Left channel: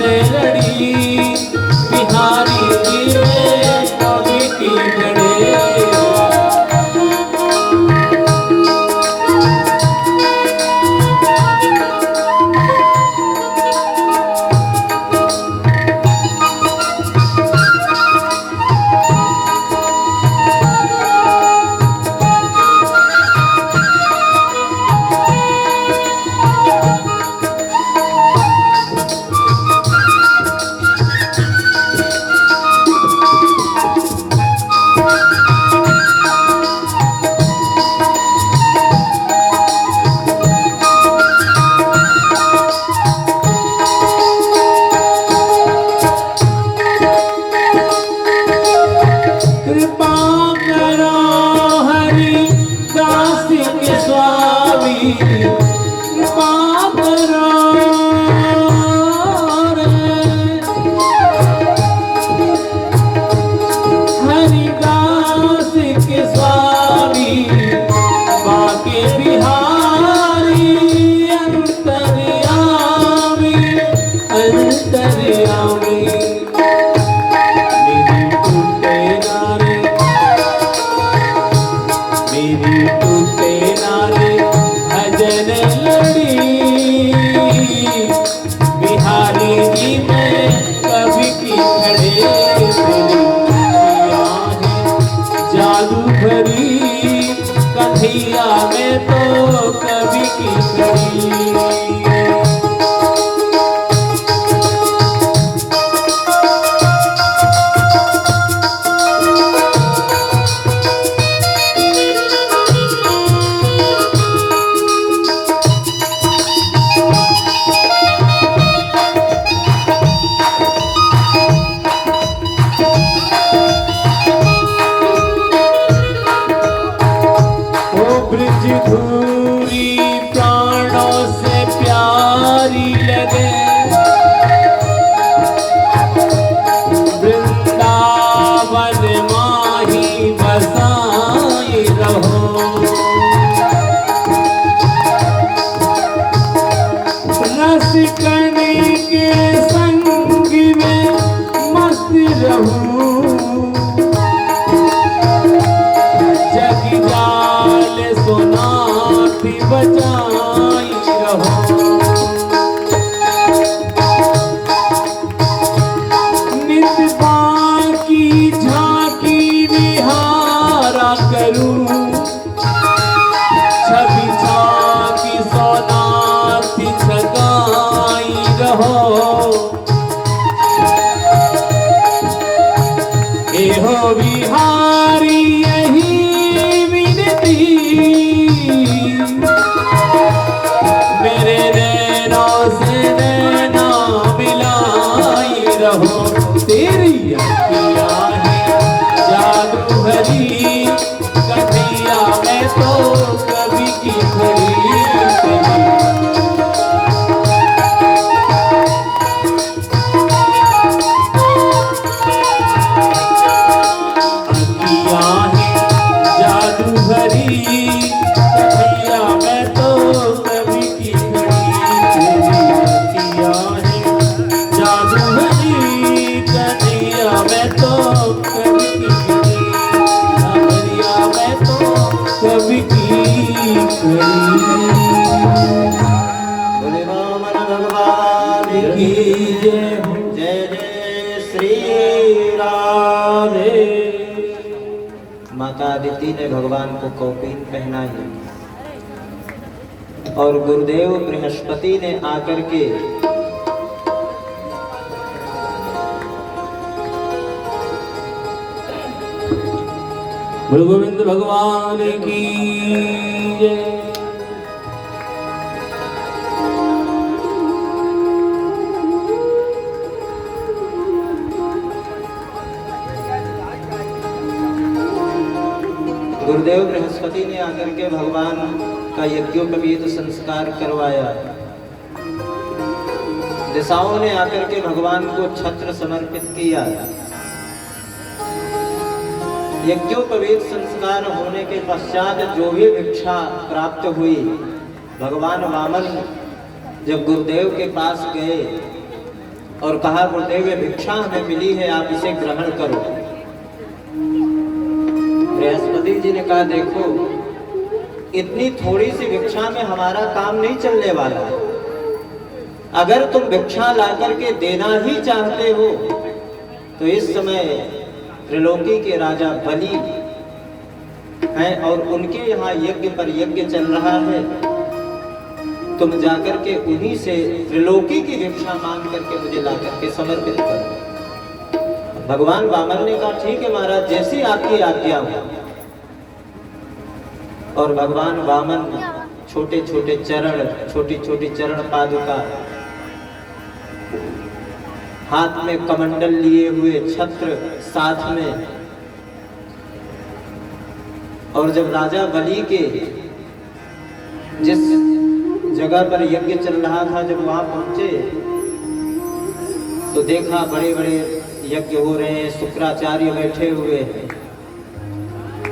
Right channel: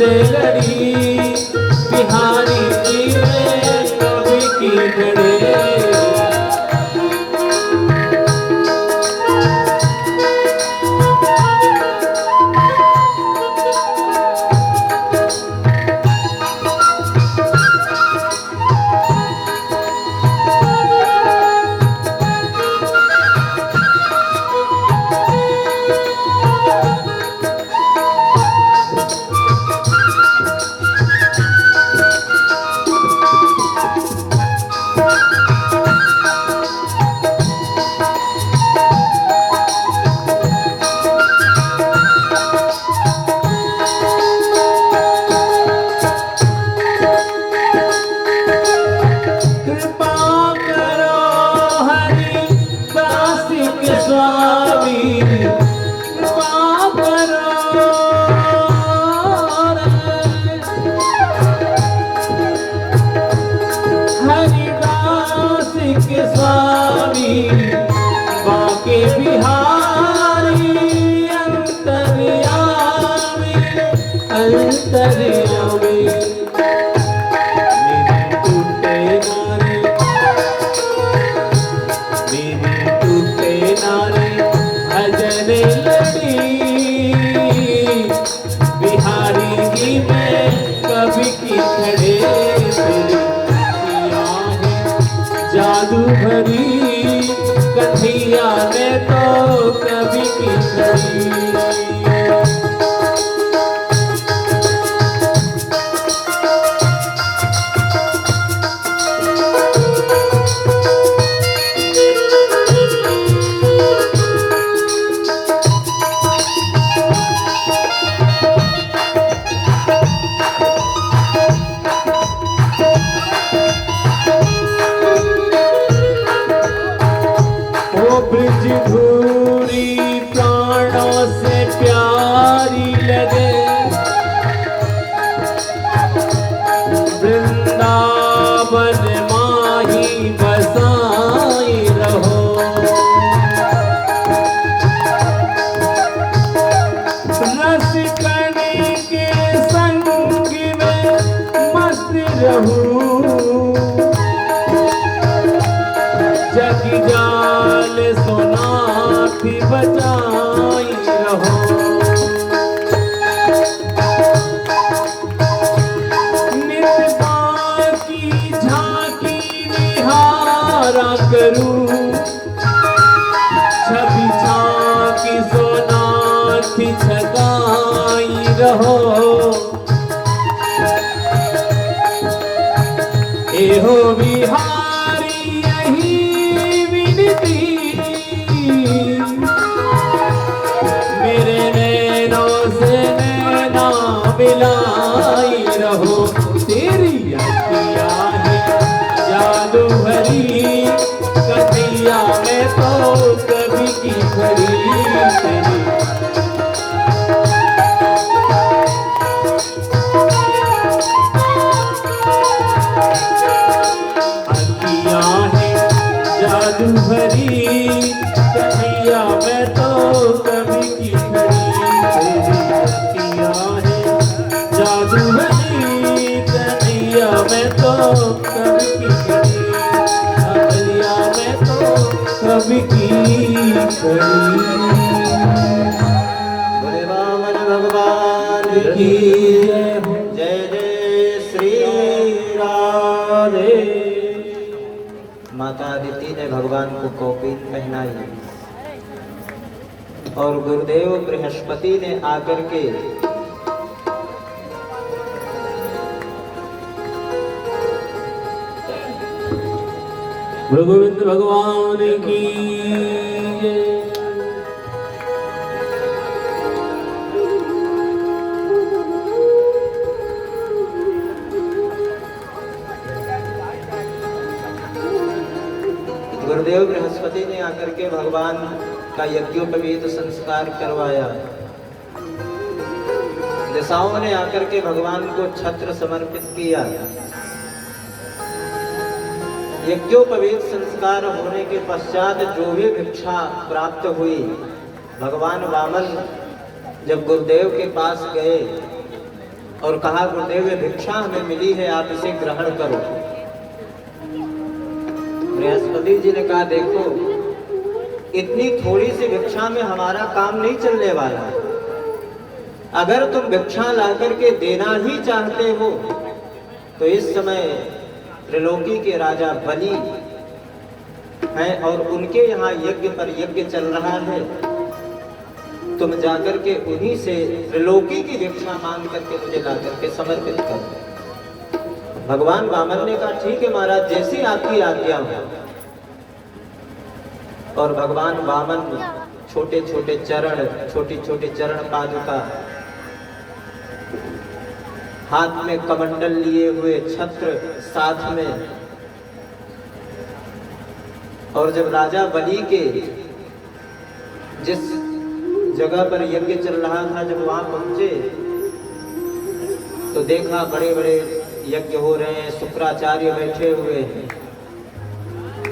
से लड़ी बिहारी जी में कवि की घड़ी। हो बिहारी यही विनती मेरे नैनों से नैना मिलाई रहो तेरी अखियाँ है जादू भरी कन्हैया मैं तो कभी की खड़ी तेरी माता अदिति ने भगवान को कौपीन पहनाई और गुरुदेव बृहस्पति ने आकर के गुरु गोविंद भगवान की जय। गुरुदेव बृहस्पति ने आकर के भगवान का यज्ञोपवीत संस्कार करवाया। दिशाओं ने आकर के भगवान को छत्र समर्पित किया। यज्ञोपवीत संस्कार होने के पश्चात जो भी भिक्षा प्राप्त हुई, भगवान वामन जब गुरुदेव के पास गए और कहा गुरुदेव ये भिक्षा हमें मिली है, आप इसे ग्रहण करो। बृहस्पति जी ने कहा देखो इतनी थोड़ी सी भिक्षा में हमारा काम नहीं चलने वाला। अगर तुम भिक्षा ला करके देना ही चाहते हो तो इस समय त्रिलोकी के राजा बलि हैं और उनके यहाँ यज्ञ पर यज्ञ चल रहा है, तुम जाकर के उन्हीं से त्रिलोकी की भिक्षा मांग करके मुझे ला करके समर्पित करो। भगवान वामन ने कहा ठीक है महाराज, जैसी आपकी आज्ञा हो। और भगवान वामन छोटे छोटे चरण, छोटी छोटी चरण पादुका, हाथ में कमंडल लिए हुए, छत्र साथ में, और जब राजा बलि के जिस जगह पर यज्ञ चल रहा था जब वहां पहुंचे तो देखा बड़े बड़े यज्ञ हो रहे हैं, शुक्राचार्य बैठे हुए हैं।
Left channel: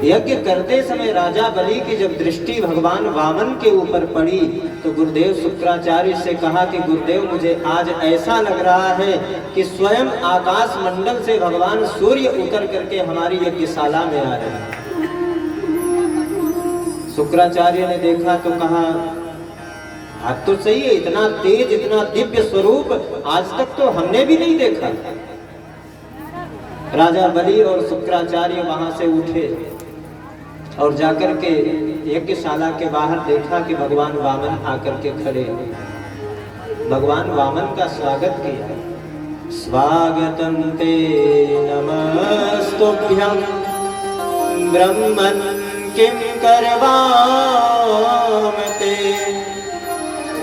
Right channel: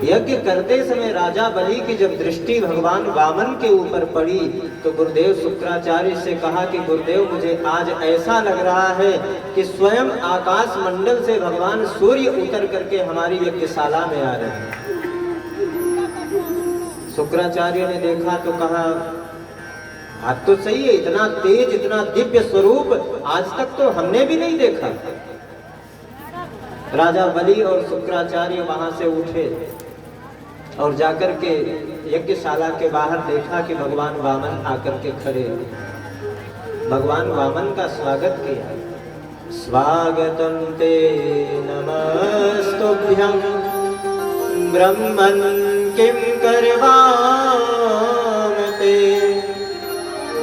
यज्ञ करते समय राजा बलि की जब दृष्टि भगवान वामन के ऊपर पड़ी तो गुरुदेव शुक्राचार्य से कहा कि गुरुदेव मुझे आज ऐसा लग रहा है कि स्वयं आकाश मंडल से भगवान सूर्य उतर करके हमारी यज्ञशाला में आ रहे हैं। शुक्राचार्य ने देखा तो कहा बात तो सही है, इतना तेज इतना दिव्य स्वरूप आज तक तो हमने भी नहीं देखा। राजा बलि और शुक्राचार्य वहां से उठे और जाकर के यज्ञशाला के बाहर देखा कि भगवान वामन आकर के खड़े। भगवान वामन का स्वागत किया। स्वागतम ते नमस्तुभ्यं ब्रह्मन् किं करवाम ते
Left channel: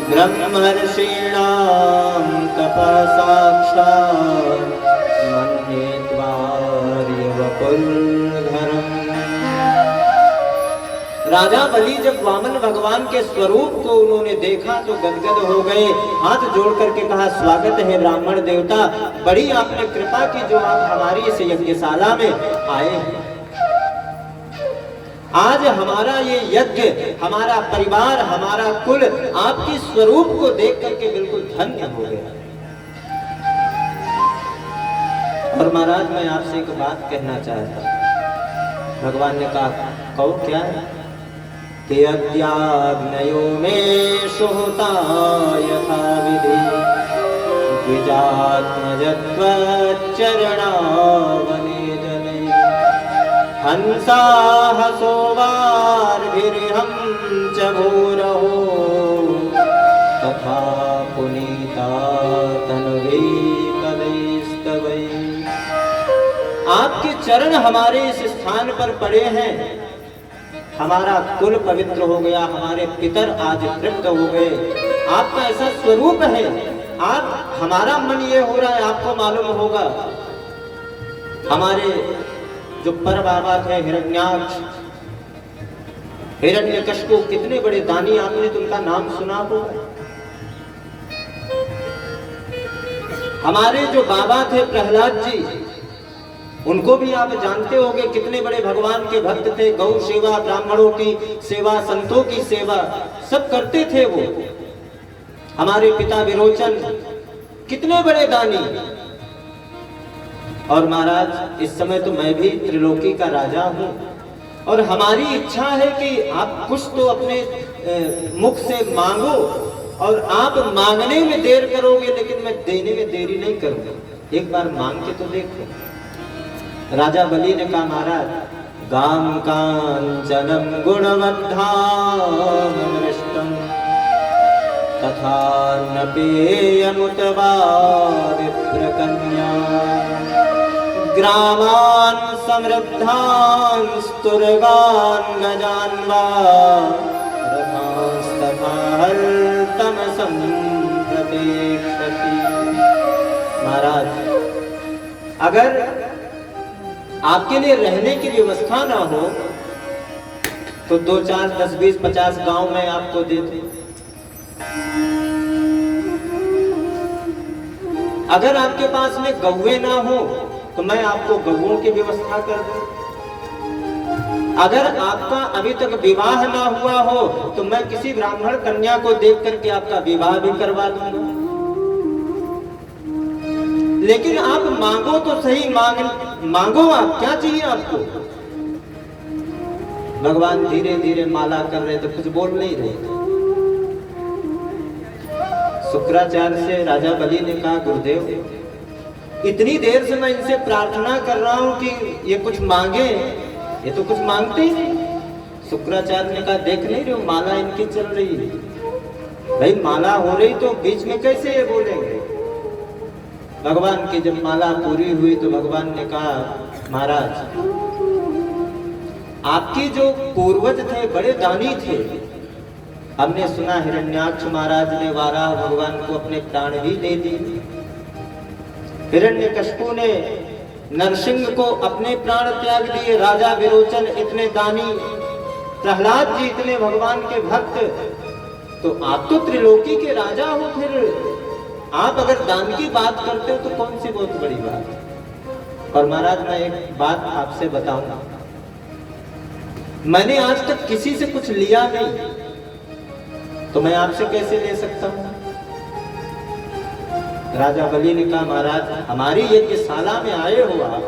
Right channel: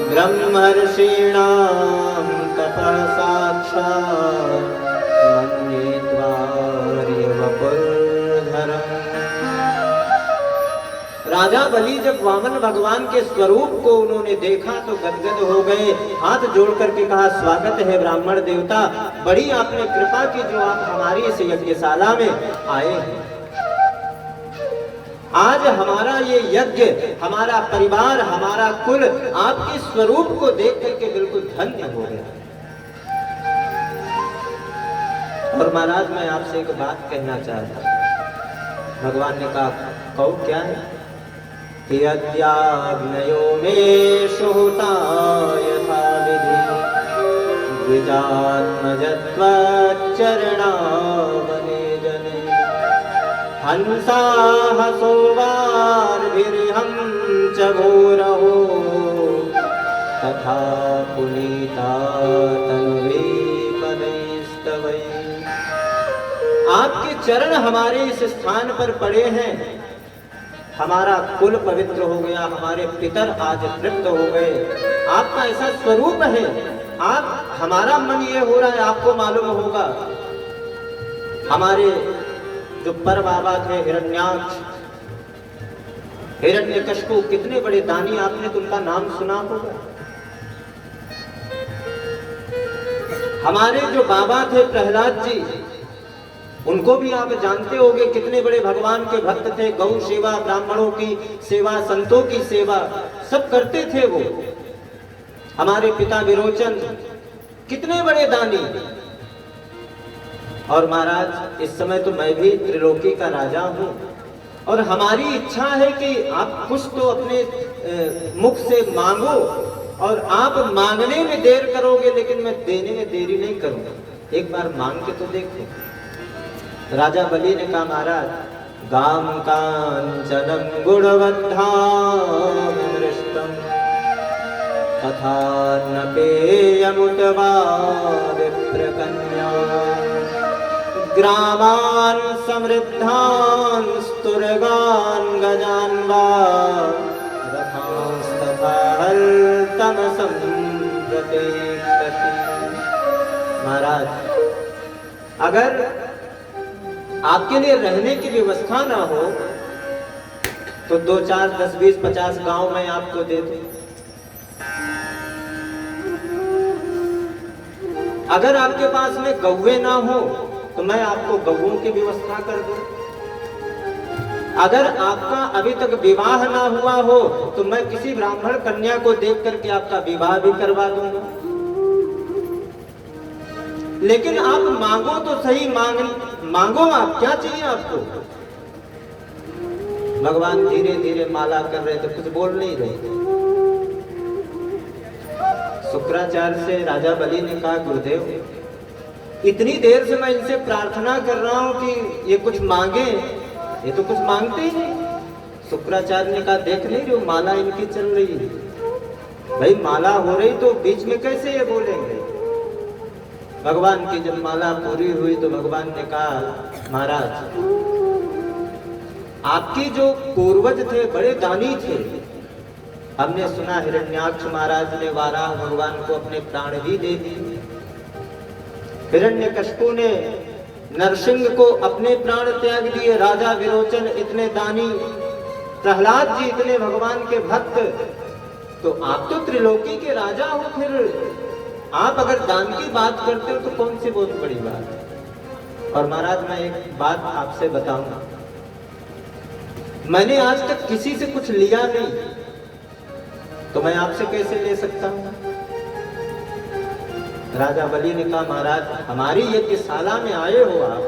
ब्रह्मर्षीणां तपः साक्षात् मन्ये त्वार्य वपुर्धरम्। राजा बलि जब वामन भगवान के स्वरूप को उन्होंने देखा तो गदगद हो गए, हाथ जोड़ करके कहा स्वागत है ब्राह्मण देवता, बड़ी आपने कृपा की जो आप हमारी इस यज्ञशाला में आए हैं। आज हमारा ये यज्ञ, हमारा परिवार, हमारा कुल आपके स्वरूप को देख करके बिल्कुल धन्य हो गया। और महाराज मैं आपसे एक बात कहना चाहता। भगवान ने कहा कहो क्या है? कि अद्याग्नयो मे सुहृता यथा विधि गिजात्मजत्वच्चरणावने जने हंसा हसोवार्भिर्हं च भूरहो तथा पुनीता तन्वे पदैस्तवै। आपके चरण हमारे इस स्थान पर पड़े हैं, हमारा कुल पवित्र हो गया, हमारे पितर आज तृप्त हो गए। आपका ऐसा स्वरूप है, आप हमारा मन ये हो रहा है, आपको मालूम होगा हमारे जो पर बाबा थे हिरण्याक्ष, हिरण्यकशिपु, कितने बड़े दानी, आपने तो उनका नाम सुना होगा। हमारे जो बाबा थे प्रहलाद जी, उनको भी आप जानते होंगे, कितने बड़े भगवान के भक्त थे, गौ सेवा, ब्राह्मणों की सेवा, संतों की सेवा सब करते थे वो। हमारे पिता विरोचन कितने बड़े दानी। और महाराज इस समय तो मैं भी त्रिलोकी का राजा हूं और हमारी इच्छा है कि आप कुछ तो अपने मुख से मांगो, और आप मांगने में देर करोगे लेकिन मैं देने में देरी नहीं करूंगा, एक बार मांग के तो देखो। राजा बलि ने कहा महाराज गाम कांचनम गुणवद्धाम दृष्टम तथा न पेयमुतवा विप्रकन्या ग्रामान् समृद्धान् स्तुर्गान् गजान् वा रथांस्तथा हल्तमसं प्रतीक्षति। महाराज अगर आपके लिए रहने की व्यवस्था ना हो तो 2, 4, 10, 20, 50 गांव में आपको दे दूं। अगर आपके पास में गौवे ना हो तो मैं आपको गौओं की व्यवस्था कर दूं। अगर आपका अभी तक विवाह ना हुआ हो तो मैं किसी ब्राह्मण कन्या को देख करके आपका विवाह भी करवा दूंगा। लेकिन आप मांगो तो सही, मांगो आप, क्या चाहिए आपको? भगवान धीरे धीरे माला कर रहे थे, कुछ बोल नहीं रहे थे। शुक्राचार्य से राजा बलि ने कहा, गुरुदेव इतनी देर से मैं इनसे प्रार्थना कर रहा हूं कि ये कुछ मांगे, ये तो कुछ मांगते ही नहीं। शुक्राचार्य ने कहा, देख नहीं रहे हो माला इनकी चल रही है, भाई माला हो रही तो बीच में कैसे ये बोलेंगे? भगवान की जब माला पूरी हुई तो भगवान ने कहा, महाराज आपके जो पूर्वज थे बड़े दानी थे, हमने सुना हिरण्याक्ष महाराज ने वाराह भगवान को अपने प्राण भी दे दिए, हिरण्यकशिपु ने नरसिंह को अपने प्राण त्याग दिए, राजा विरोचन इतने दानी, प्रहलाद जी इतने भगवान के भक्त, तो आप तो त्रिलोकी के राजा हो, फिर आप अगर दान की बात करते हो तो कौन सी बहुत बड़ी बात है। और महाराज मैं एक बात आपसे बताऊंगा, मैंने आज तक किसी से कुछ लिया नहीं, तो मैं आपसे कैसे ले सकता हूं? राजा बलि ने कहा, महाराज हमारी यज्ञशाला में आए हो आप,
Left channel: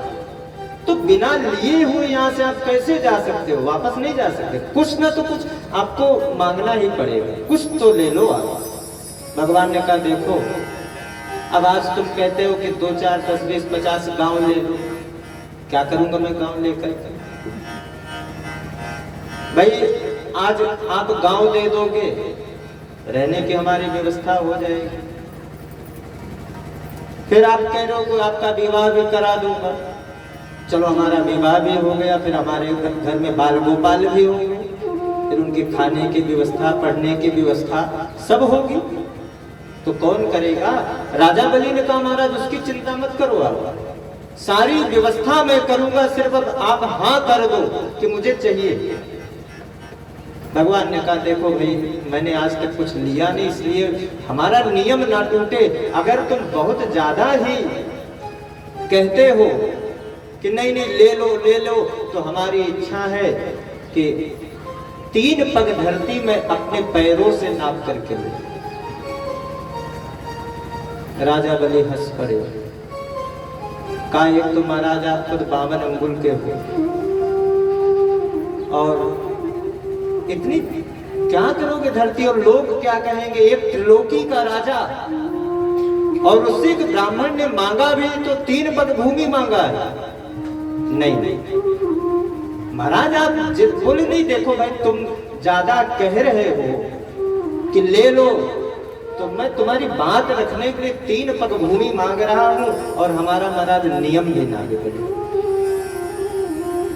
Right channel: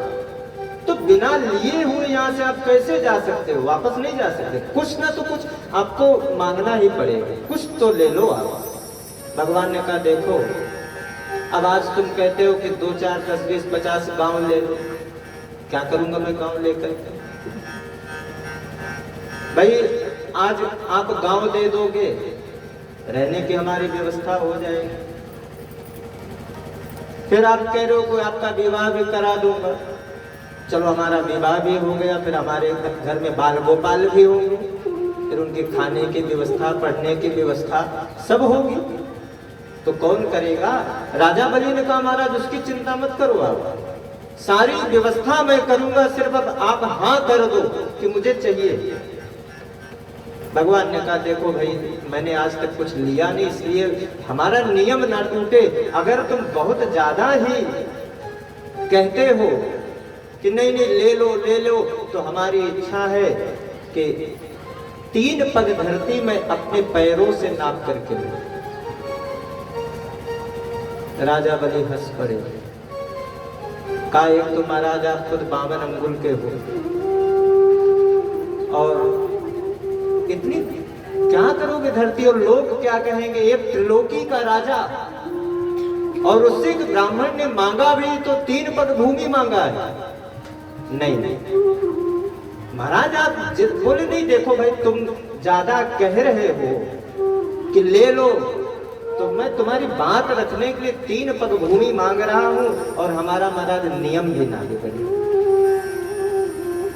तो बिना लिए हुए यहाँ से आप कैसे जा सकते हो? वापस नहीं जा सकते, कुछ ना तो कुछ आपको मांगना ही पड़ेगा, कुछ तो ले लो आप। भगवान ने कहा, देखो अब आज तुम कहते हो कि 2 4 10 20 50 गांव ले लो, क्या करूंगा मैं गांव लेकर? भाई आज आप गांव दे दोगे, रहने की हमारी व्यवस्था हो जाएगी, फिर आप कह रहे हो कि आपका विवाह भी करा दूंगा, चलो हमारा विवाह भी हो गया, फिर हमारे घर में बाल गोपाल भी होंगे, फिर उनके खाने की व्यवस्था, पढ़ने की व्यवस्था सब होगी, तो कौन करेगा? राजा बलि ने कहा, महाराज उसकी चिंता मत करो, आप सारी व्यवस्था मैं करूंगा, सिर्फ अब आप हाँ कर दो कि मुझे चाहिए। भगवान ने कहा, देखो भाई मैंने आज तक कुछ लिया नहीं, इसलिए हमारा नियम ना टूटे, अगर तुम बहुत ज्यादा ही कहते हो कि नहीं नहीं ले लो, तो हमारी इच्छा है कि 3 पग धरती में अपने पैरों से नाप करके ले। राजा बलि हंस पड़े, कहा, एक तो महाराज आप खुद 52 अंगुल के हो, और इतनी क्या करोगे धरती, और लोग क्या कहेंगे? एक त्रिलोकी का राजा, और उससे एक ब्राह्मण ने मांगा भी तो 3 पग भूमि मांगा है। नहीं महाराज आप जिद बोले नहीं, देखो भाई तुम ज्यादा कह रहे हो कि ले लो, तो मैं तुम्हारी बात रखने के लिए 3 पग भूमि मांग रहा हूं, और हमारा महाराज नियम ही लागू पड़े,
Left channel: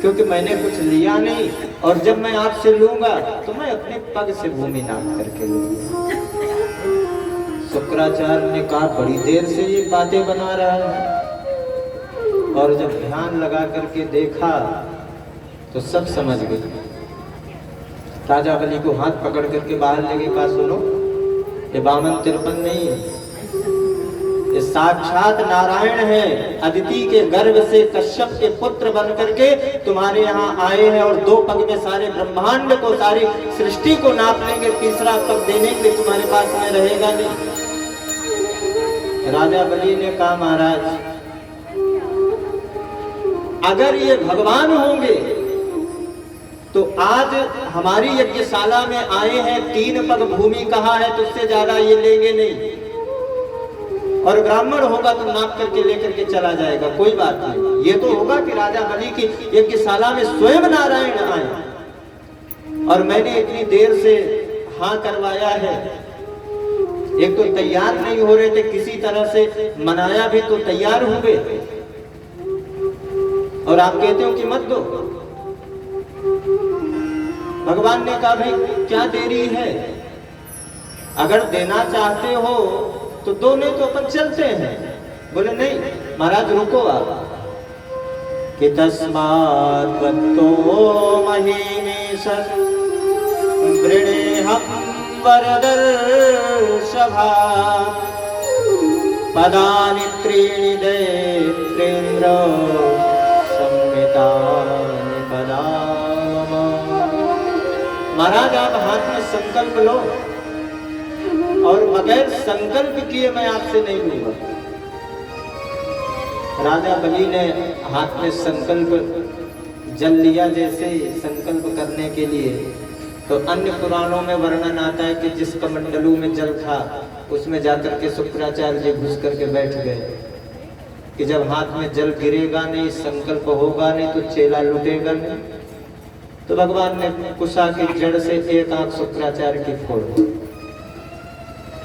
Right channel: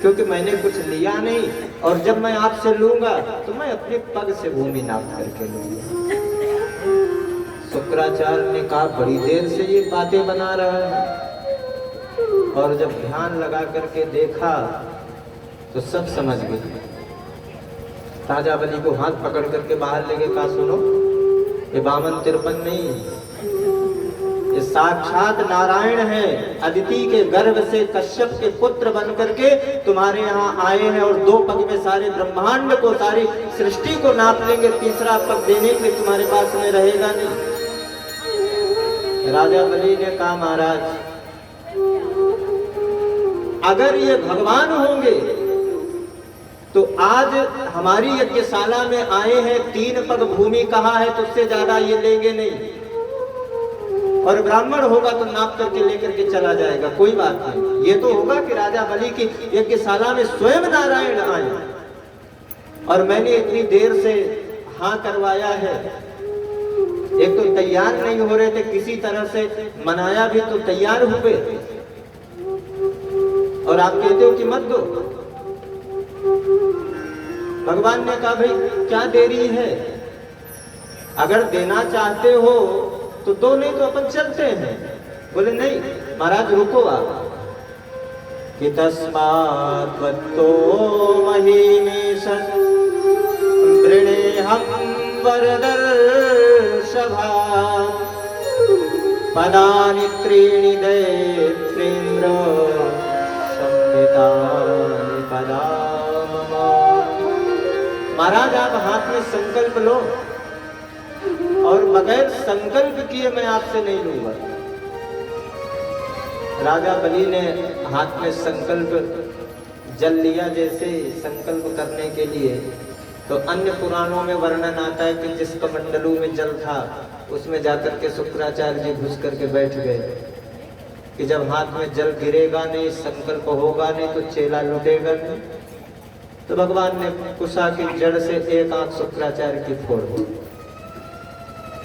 क्योंकि मैंने कुछ लिया नहीं, और जब मैं आपसे लूंगा तो मैं अपने पग से भूमि नाप करके लूंगा। शुक्राचार्य ने कहा, बड़ी देर से ये बातें बना रहा है, और जब ध्यान लगा करके देखा तो सब समझ गए। राजा बलि को हाथ पकड़ करके बाहर लेके कहा, सुनो ये 52-53 नहीं, ये साक्षात नारायण है, अदिति के गर्भ से कश्यप के पुत्र बन करके तुम्हारे यहाँ आए हैं, और 2 पग में सारे ब्रह्मांड को, सारी सृष्टि को नाप लेंगे, 3रा पग देने के लिए तुम्हारे पास में रहेगा नहीं। राजा बलि ने कहा, महाराज अगर ये भगवान होंगे तो आज हमारी यज्ञशाला में आए हैं, 3 पग भूमि कहा है, तो उससे ज्यादा ये लेंगे नहीं, और ब्राह्मण होगा तो नाप करके लेकर के चला जाएगा, कोई बात नहीं। ये तो होगा कि राजा बलि की यज्ञशाला में स्वयं नारायण आए, और मैंने इतनी देर से हाँ करवाया है, एक तो तैयार नहीं हो रहे थे, किसी तरह से मनाया भी तो तैयार हुए, और आप कहते हो कि मत दो। भगवान ने कहा, भाई क्या देरी है, अगर देना चाहते हो तो दो, नहीं तो अपन चलते हैं। बोले नहीं महाराज रुको आप, कि तस्मात् त्वत्तो महीमेश वृणेहं वरदर्शभा पदानि त्रीणि दैत्रेन्द्र संहितानि पदानि। महाराज आप हाथ में संकल्प लो, और बगैर संकल्प किए मैं आपसे नहीं लूंगा। राजा बलि ने हाथ में संकल्प जल लिया, जैसे संकल्प करने के लिए, तो अन्य पुराणों में वर्णन आता है कि जिस कमंडलू में जल था उसमें जाकर के शुक्राचार्य जी घुस करके बैठ गए कि जब हाथ में जल गिरेगा नहीं, संकल्प होगा नहीं, तो चेला लुटेगा नहीं। तो भगवान ने कुशा की जड़ से एक आंख शुक्राचार्य की फोड़ दी।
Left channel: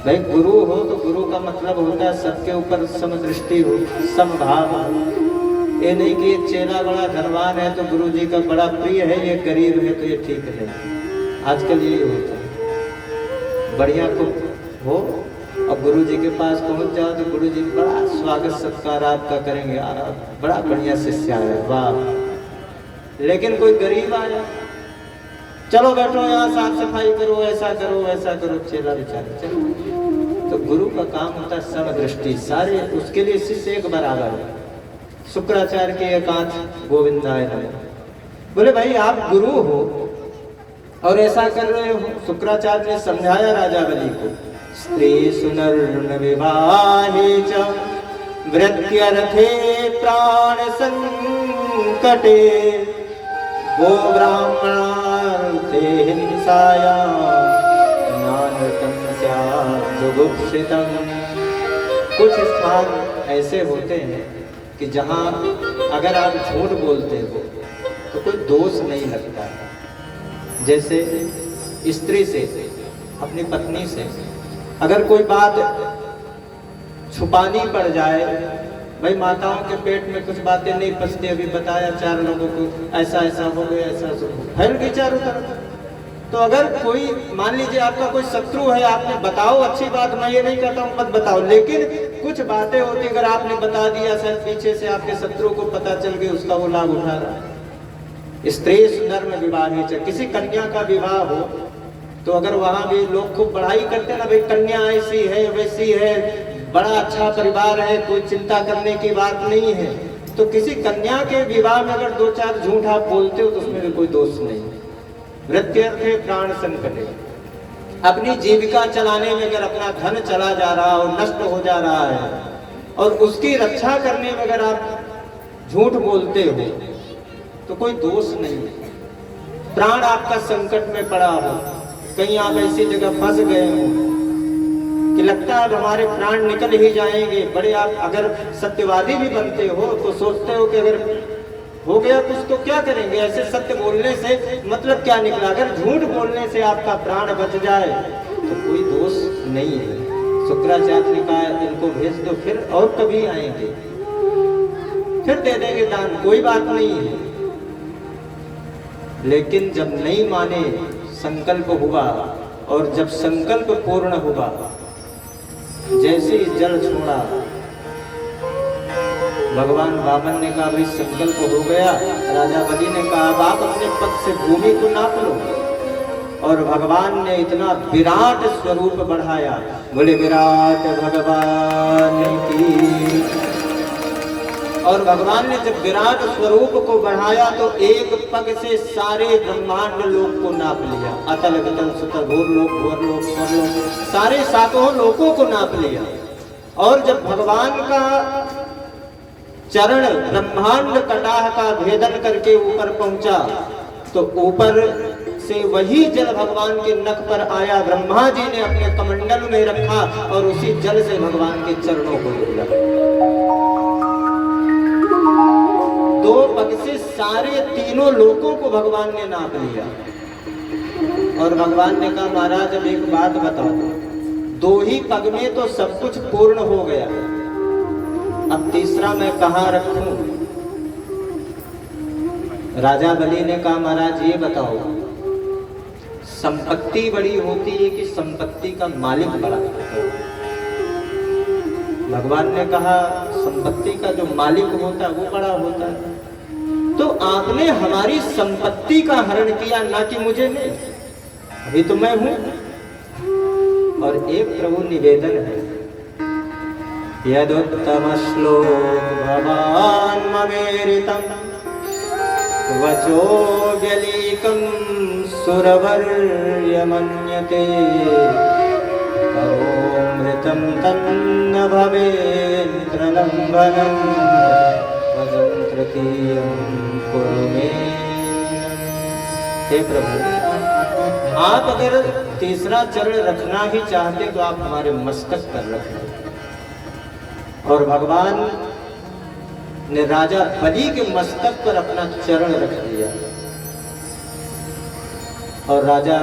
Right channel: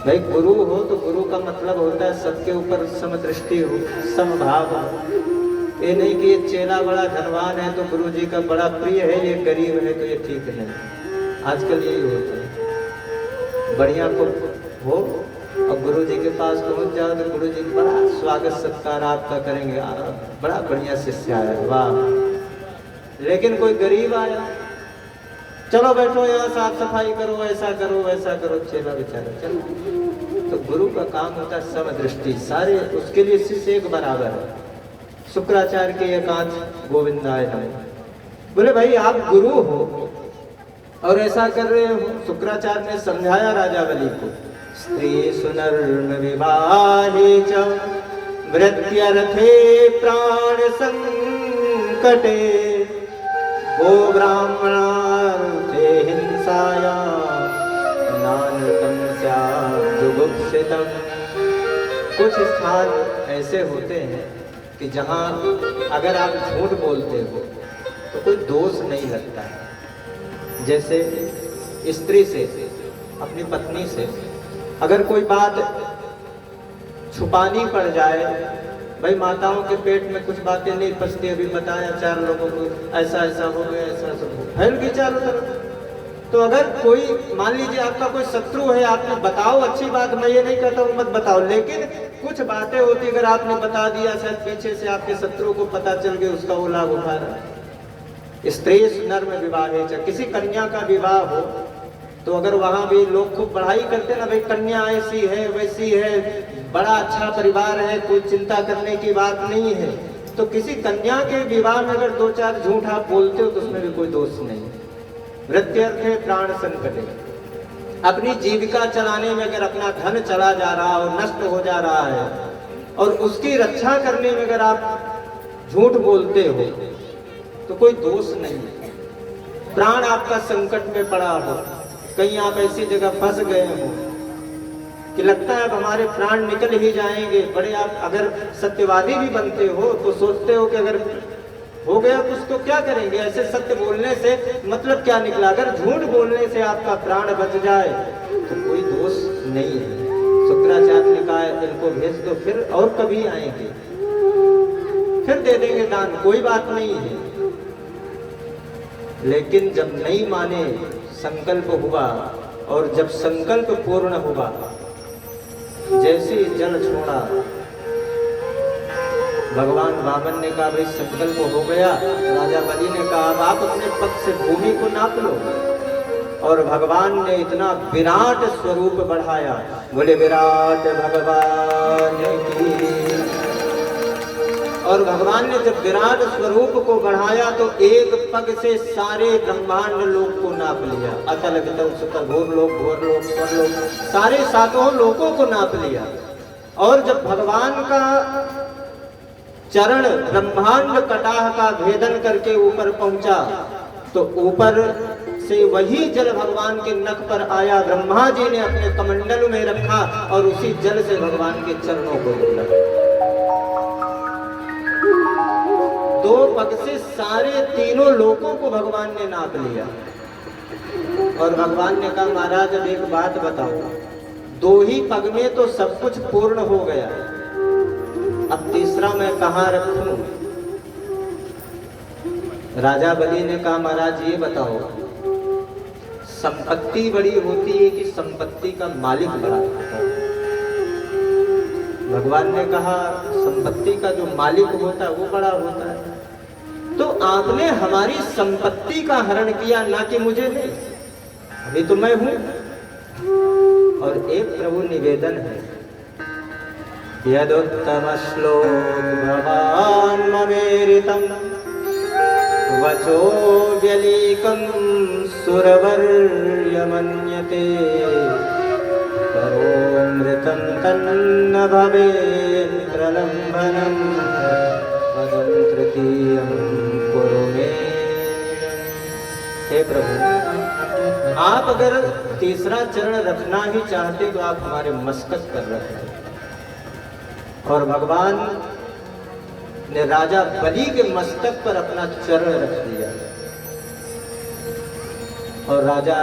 भाई गुरु हो तो गुरु का मतलब होता है सबके ऊपर समदृष्टि हो, समभाव हो। ये नहीं कि ये चेला बड़ा धनवान है तो गुरु जी का बड़ा प्रिय है, ये गरीब है तो ये ठीक नहीं। आजकल यही होता है, बढ़िया को हो और गुरु जी के पास पहुंच जाओ तो गुरु जी बड़ा स्वागत सत्कार आपका करेंगे, बड़ा बढ़िया शिष्य है, वाह। लेकिन कोई गरीब आया, चलो बैठो यहाँ साफ सफाई करो, ऐसा करो वैसा करो, चेला बेचारा चलो। तो गुरु का काम होता है समदृष्टि, सारे उसके लिए शिष्य एक बराबर है। शुक्राचार्य के एकांत गोविंदाय नमः। बोले भाई आप गुरु हो और ऐसा कर रहे हो। शुक्राचार्य ने समझाया राजा बलि को, स्त्री सुनर्न विवाहे च वृत्यर्थे प्राण संकटे गो ब्राह्मणार्थे हिंसाया नानकं स्यात् जुगुप्सितम्। कुछ स्थान ऐसे होते हैं कि जहाँ अगर आप झूठ बोलते हो तो कोई दोष नहीं लगता है। जैसे स्त्री से, अपनी पत्नी से अगर कोई बात छुपानी पड़ जाए, भाई माताओं के पेट में कुछ बातें नहीं पचती, अभी बताया 4 लोगों को ऐसा ऐसा हो गया, ऐसा ऐसा फैल गई चारों तरफ। तो अगर कोई मान लीजिए आपका कोई शत्रु है, आपने बताओ, अच्छी बात, मैं ये नहीं कहता हूँ मत बताओ, लेकिन कुछ बातें होती अगर आपने बता दिया, शायद पीछे से आपके शत्रु को पता चल गया, उसका वो लाभ उठा रहा है। स्त्री सुनर्म विवाहे च, किसी कन्या का विवाह हो तो अगर वहां भी लोग खूब बढ़ाई करते हैं ना, भाई कन्या ऐसी है वैसी है, बड़ा अच्छा परिवार है, कोई चिंता करने की बात नहीं है, तो किसी कन्या के विवाह में अगर 2-4 झूठ आप बोलते हो तो उसमें भी कोई दोष नहीं है। वृत्यर्थे प्राण संकटे, अपनी जीविका चलाने में अगर अपना धन चला जा रहा हो, नष्ट हो जा रहा है, और उसकी रक्षा करने में अगर आप झूठ बोलते हो तो कोई दोष नहीं है। प्राण आपका संकट में पड़ा हो, कहीं आप ऐसी जगह फंस गए हो कि लगता है हमारे प्राण निकल ही जाएंगे, बड़े आप अगर सत्यवादी भी बनते हो तो सोचते हो कि अगर हो गया कुछ तो क्या करेंगे, ऐसे सत्य बोलने से मतलब क्या निकला, अगर झूठ बोलने से आपका प्राण बच जाए तो कोई दोष नहीं है। शुक्राचार्य ने कहा इनको भेज दो, फिर और कभी आएंगे, फिर दे देंगे दान, कोई बात नहीं है। लेकिन जब नहीं माने, संकल्प हुआ, और जब संकल्प पूर्ण हुआ, जैसे जल छोड़ा, भगवान वामन ने कहा भाई संकल्प हो गया। राजा बलि ने कहा अब आप अपने पद से भूमि को नाप लो, और भगवान ने इतना विराट स्वरूप बढ़ाया, बोले विराट भगवान की। और भगवान ने जब विराट स्वरूप को बढ़ाया तो एक पग से सारे ब्रह्मांड लोक को नाप लिया, अतल वितल सुतल भूर लोक भूर लोक स्वर लोक, सारे 7 लोकों को नाप लिया। और जब भगवान का चरण ब्रह्मांड कटाह का भेदन करके ऊपर पहुंचा तो ऊपर से वही जल भगवान के नख पर आया, ब्रह्मा जी ने अपने कमंडल में रखा और उसी जल से भगवान के चरणों को धुला। 2 पग से सारे 3 लोकों को भगवान ने नाप लिया। और भगवान ने कहा महाराज अब एक बात बताओ, 2 ही पग में तो सब कुछ पूर्ण हो गया, अब तीसरा मैं कहाँ रखूं? राजा बलि ने कहा महाराज ये बताओ, संपत्ति बड़ी होती है कि संपत्ति का मालिक बड़ा होता है? भगवान ने कहा संपत्ति का जो मालिक होता है वो बड़ा होता है। तो आपने हमारी संपत्ति का हरण किया, ना कि मुझे नहीं, अभी तो मैं हूं। और एक प्रभु निवेदन है, यदुत्तम श्लोक भवान ममेरितम वचो व्यलीकं सुरवर्य मन्यते करोमृतं तन्न भवेत् प्रलम्बनम्। जीवनम भजन तृतीयम कुरु मे। हे प्रभु, आप अगर तीसरा चरण रखना ही चाहते तो आप हमारे मस्तक पर रख लें। और भगवान ने राजा बलि के मस्तक पर अपना चरण रख दिया और राजा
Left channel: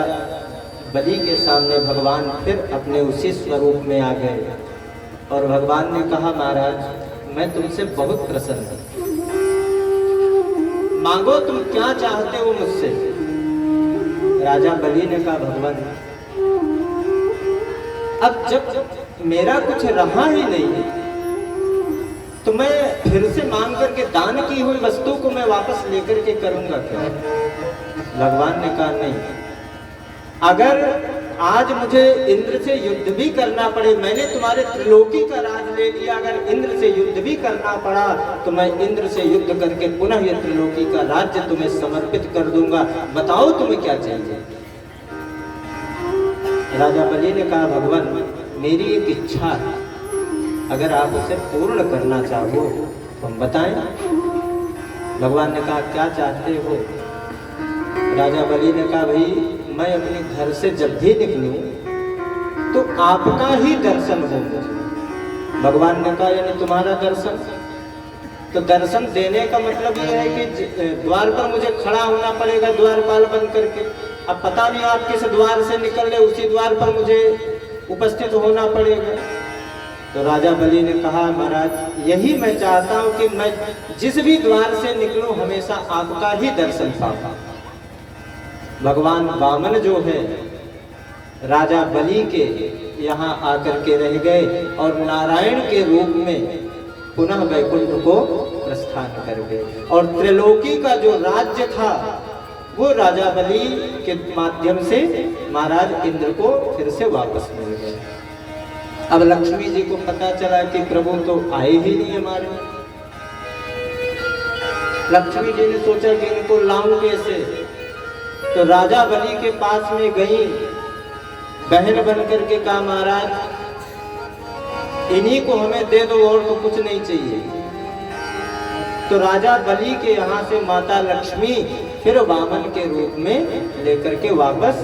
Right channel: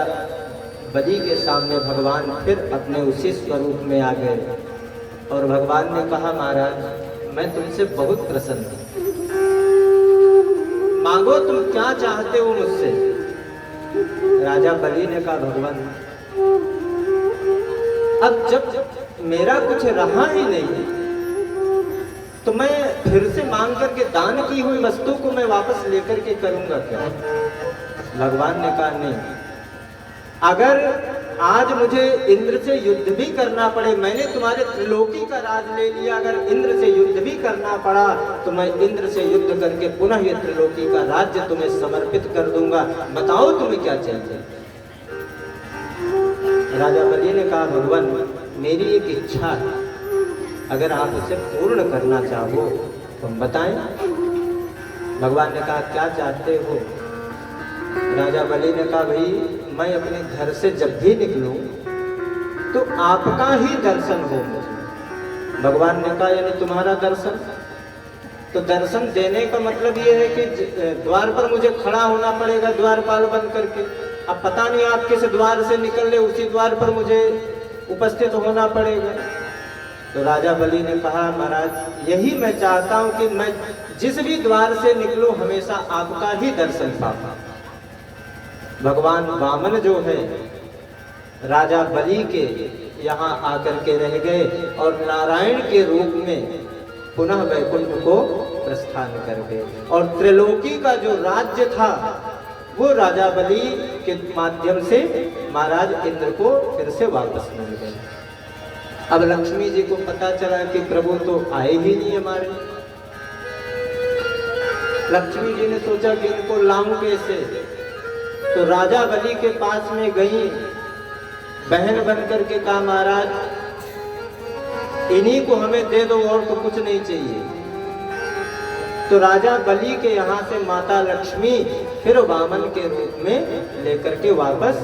बलि के सामने भगवान फिर अपने उसी स्वरूप में आ गए और भगवान ने कहा, महाराज मैं तुमसे बहुत प्रसन्न हूं, मांगो तुम क्या चाहते हो मुझसे। राजा बलि ने कहा, भगवान अब जब मेरा कुछ रहा ही नहीं तो मैं फिर से मांग करके दान की हुई वस्तु को मैं वापस लेकर के करूंगा क्या। भगवान ने कहा, नहीं, अगर आज मुझे इंद्र से युद्ध भी करना पड़े, मैंने तुम्हारे त्रिलोकी का राज ले लिया, अगर इंद्र से युद्ध भी करना पड़ा तो मैं इंद्र से युद्ध करके पुनः ये त्रिलोकी का राज्य तुम्हें समर्पित कर दूंगा, बताओ तुम्हें क्या चाहिए। राजा बलि ने कहा, भगवान मेरी एक इच्छा है, अगर आप उसे पूर्ण करना चाहो तो बताएं। भगवान ने कहा, क्या चाहते हो। राजा बलि ने कहा, भाई मैं अपने घर से जब भी निकलूं तो आपका ही दर्शन हो मुझे। भगवान ने कहा, यानी तुम्हारा दर्शन। तो दर्शन देने का मतलब ये है कि द्वार पर मुझे खड़ा होना पड़ेगा द्वारपाल बन करके। अब पता नहीं आप किस द्वार से निकल रहे, उसी द्वार पर मुझे उपस्थित होना पड़ेगा। तो राजा बलि ने कहा, महाराज यही मैं चाहता हूं कि मैं जिस भी द्वार से निकलूं हमेशा आपका ही दर्शन पाऊं। भगवान वामन जो है राजा बलि के यहाँ आकर के रह गए और नारायण के रूप में पुनः वैकुंठ को प्रस्थान कर गए और त्रिलोकी का जो राज्य था वो राजा बलि के माध्यम से महाराज इंद्र को फिर से वापस मिल गए। अब लक्ष्मी जी को पता चला कि प्रभु तो आए ही नहीं हमारे। लक्ष्मी जी ने सोचा कि इनको लाऊं कैसे, तो राजा बलि के पास में गई, बहन बन करके कहा, महाराज इन्हीं को हमें दे दो और तो कुछ नहीं चाहिए। तो राजा बलि के यहाँ से माता लक्ष्मी फिर वामन के रूप में लेकर के वापस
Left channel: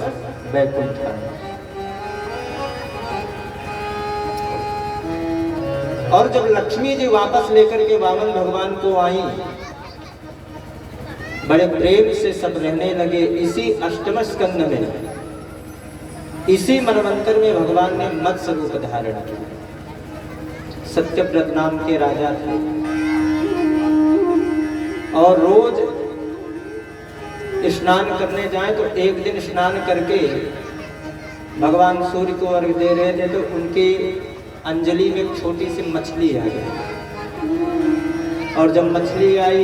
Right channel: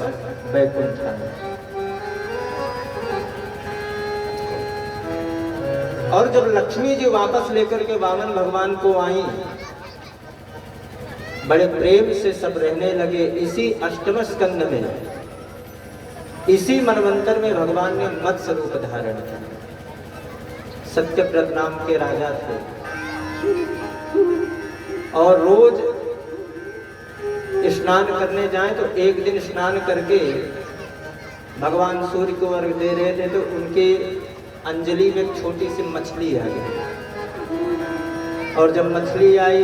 वैकुंठ आए। और जब लक्ष्मी जी वापस लेकर के वामन भगवान को आई, बड़े प्रेम से सब रहने लगे। इसी अष्टम स्कंध में, इसी मनवंतर में भगवान ने मत्स्य रूप धारण किया। सत्यव्रत नाम के राजा थे और रोज स्नान करने जाएं तो एक दिन स्नान करके भगवान सूर्य को अर्घ दे रहे थे तो उनके अंजलि में एक छोटी सी मछली आई और जब मछली आई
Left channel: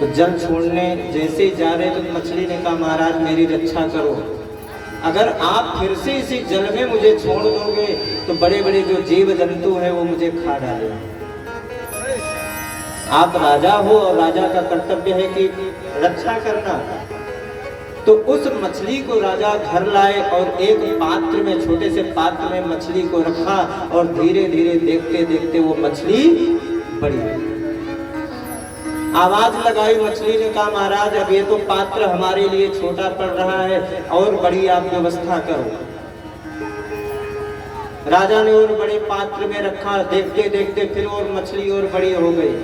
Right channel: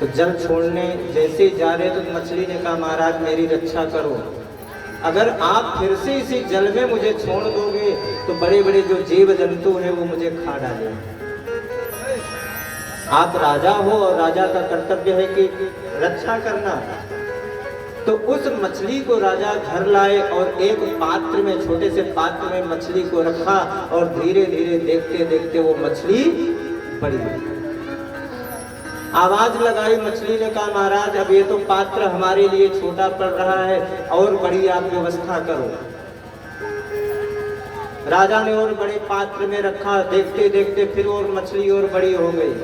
तो जल छोड़ने जैसे जा रहे तो मछली ने कहा, महाराज मेरी रक्षा करो, अगर आप फिर से इसी जल में मुझे छोड़ दोगे तो बड़े बड़े जो जीव जंतु हैं वो मुझे खा डालेंगे। आप राजा हो और राजा का कर्तव्य है कि रक्षा करना। तो उस मछली को राजा घर लाए और एक पात्र में, छोटे से पात्र में मछली को रखा और धीरे धीरे देखते देखते वो मछली बड़ी हुई। आवाज लगाई, मछली ने कहा, महाराज अब ये तो पात्र हमारे लिए छोटा पड़ रहा है और बड़ी आप व्यवस्था करो। राजा ने और बड़े पात्र में रखा, देखते देखते फिर और मछली और बड़ी हो गई।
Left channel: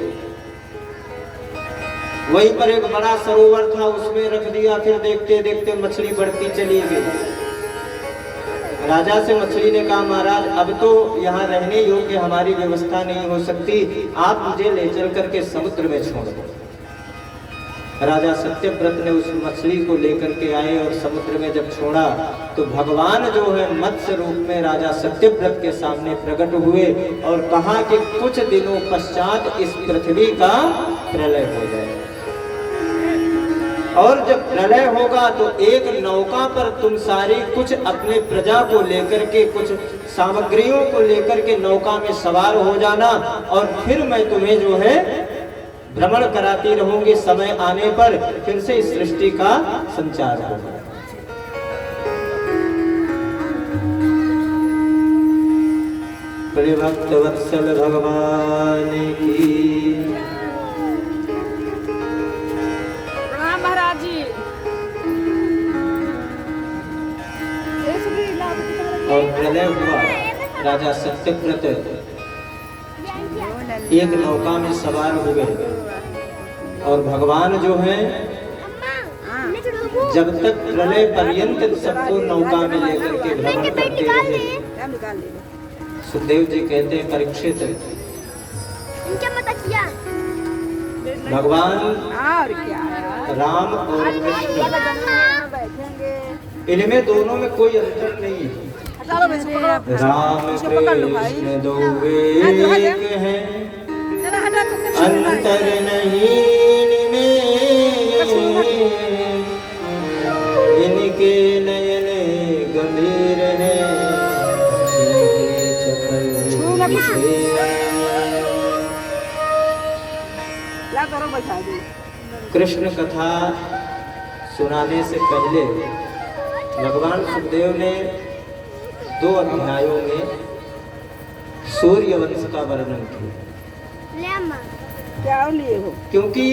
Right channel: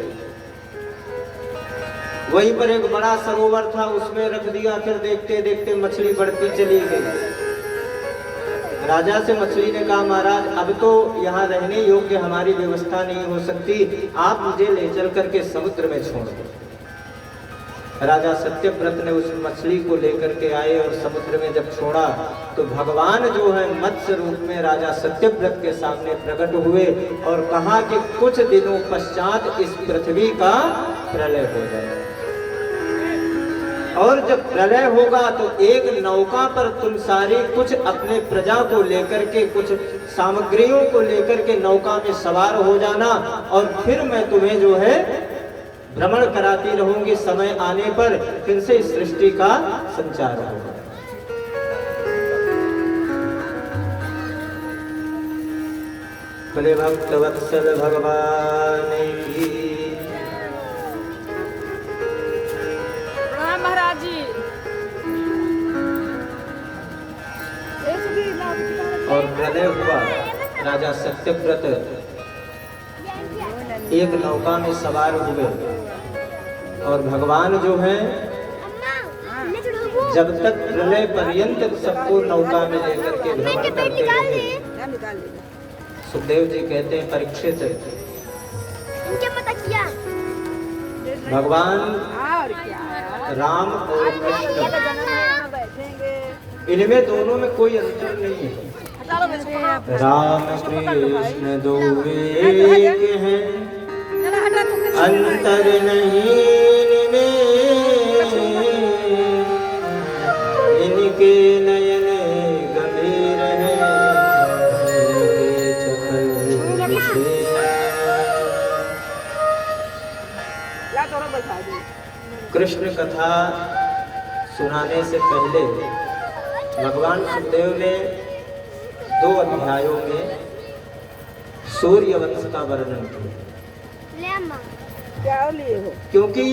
वहीं पर एक बड़ा सरोवर था, उसमें रख दिया, फिर देखते देखते मछली बढ़ती चली गई। राजा से मछली ने कहा, महाराज अब तो यहाँ रहने योग्य हमारी व्यवस्था नहीं हो सकती, आप मुझे ले चल करके समुद्र में छोड़ दो। राजा सत्यव्रत ने उस मछली को लेकर के आए और समुद्र में जब छोड़ा तो भगवान जो है मत्स्य रूप में राजा सत्यव्रत के सामने प्रकट हुए और कहा कि कुछ दिनों पश्चात इस पृथ्वी का प्रलय हो जाएगा और जब प्रलय होगा तो एक नौका पर तुम सारी कुछ अपने प्रजा को लेकर के, कुछ सामग्रियों को लेकर के नौका में सवार हो जाना और फिर मैं तुम्हें जो है भ्रमण कराती रहूंगी। समय आने पर फिर से इस सृष्टि का संचार होगा। प्रिय भक्त वत्सल भगवान की। प्रणाम महाराज जी। और प्रलय हुआ, राजा सत्यव्रत एक नौका में सवार हुए और भगवान जो हैं जब तक प्रलय पर्यंत सबको नौका में लेकर के भ्रमण करते रहे। सुखदेव जी कहते हैं परीक्षित भगवान राम और कृष्ण इनमें दोनों में कोई अंतर नहीं है। राम कृष्ण दो एक हैं, अंतर नहीं इनमें, इनके नयन गंभीर हैं, कृष्ण कथा सुनाने से पहले भगवान सुखदेव ने 2 अध्यायों में सूर्य वंश का वर्णन किया। क्योंकि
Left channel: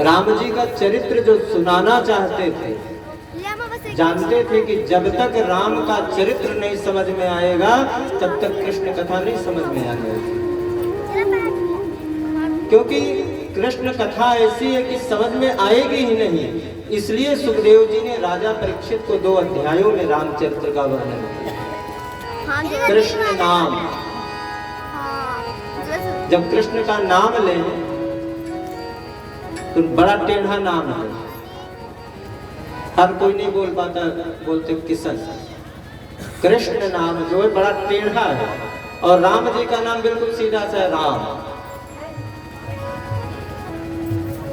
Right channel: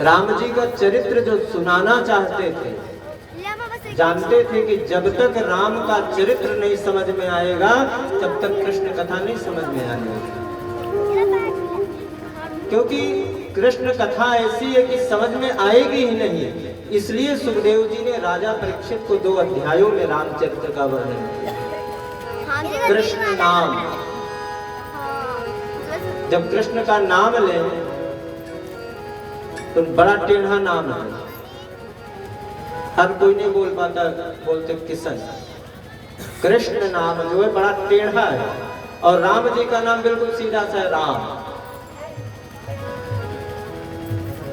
राम जी का चरित्र जो सुनाना चाहते थे, जानते थे कि जब तक राम का चरित्र नहीं समझ में आएगा तब तक कृष्ण कथा नहीं समझ में आएगी। क्योंकि कृष्ण कथा ऐसी है कि समझ में आएगी ही नहीं। इसलिए सुखदेव जी ने राजा परीक्षित को 2 अध्यायों में रामचरित्र का वर्णन किया। कृष्ण नाम, जब कृष्ण का नाम लें तो बड़ा टेढ़ा नाम है, हर कोई नहीं बोल पाता, बोलते किशन। कृष्ण नाम जो है बड़ा टेढ़ा है और राम जी का नाम बिल्कुल सीधा सा है, राम।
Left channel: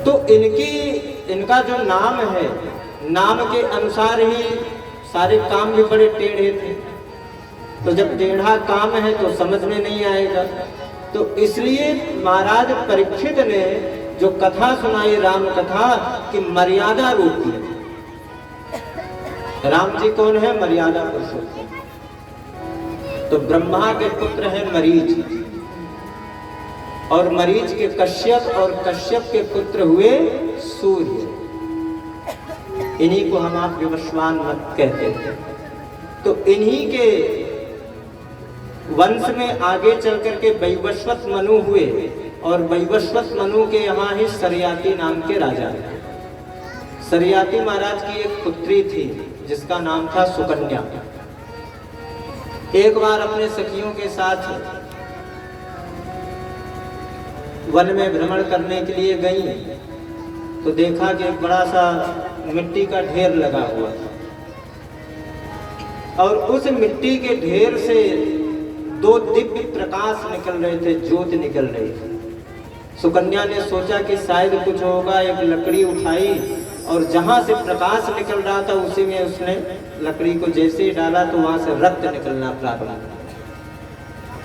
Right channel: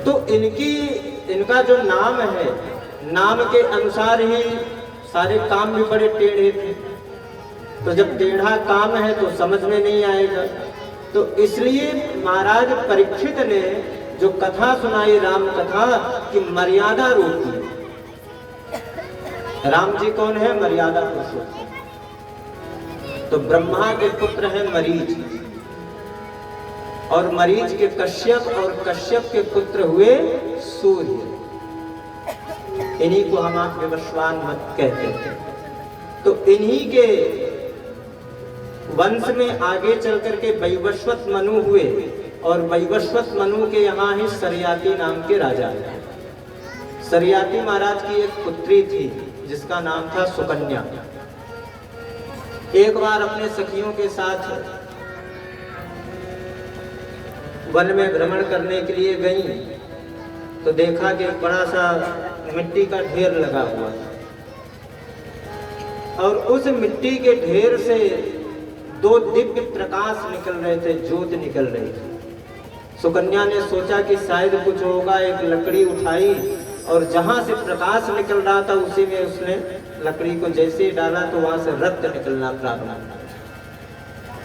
तो इनका जो नाम है, नाम के अनुसार ही सारे काम भी बड़े टेढ़े थे। तो जब टेढ़ा काम है तो समझ में नहीं आएगा। तो इसलिए महाराज परीक्षित ने जो कथा सुनाई राम कथा की मर्यादा रूप में। राम जी कौन है? मर्यादा पुरुषोत्तम। तो ब्रह्मा के पुत्र हैं मरीच, और मरीच के कश्यप, और कश्यप के पुत्र हुए सूर्य। इन्हीं को हम आप विवस्वान मत कहते हैं। तो इन्हीं के वंश में आगे चल करके वैवस्वत मनु हुए, और वैवस्वत मनु के यहाँ ही सरियाती नाम के राजा है। सरियाती महाराज की एक पुत्री थी जिसका नाम था सुकन्या। एक बार अपने सखियों के साथ वन में भ्रमण करने के लिए गई तो देखा कि एक बड़ा सा मिट्टी का ढेर लगा हुआ था, और उस मिट्टी के ढेर से 2 दिव्य प्रकाश निकल रहे थे, ज्योत निकल रही थी। सुकन्या ने सोचा कि शायद कुछ होगा, एक लकड़ी उठाई और जहां से प्रकाश निकल रहा था उसी में उसने लकड़ी को जैसे ही डाला तो वहां से रक्त निकलना प्रारंभ हुआ।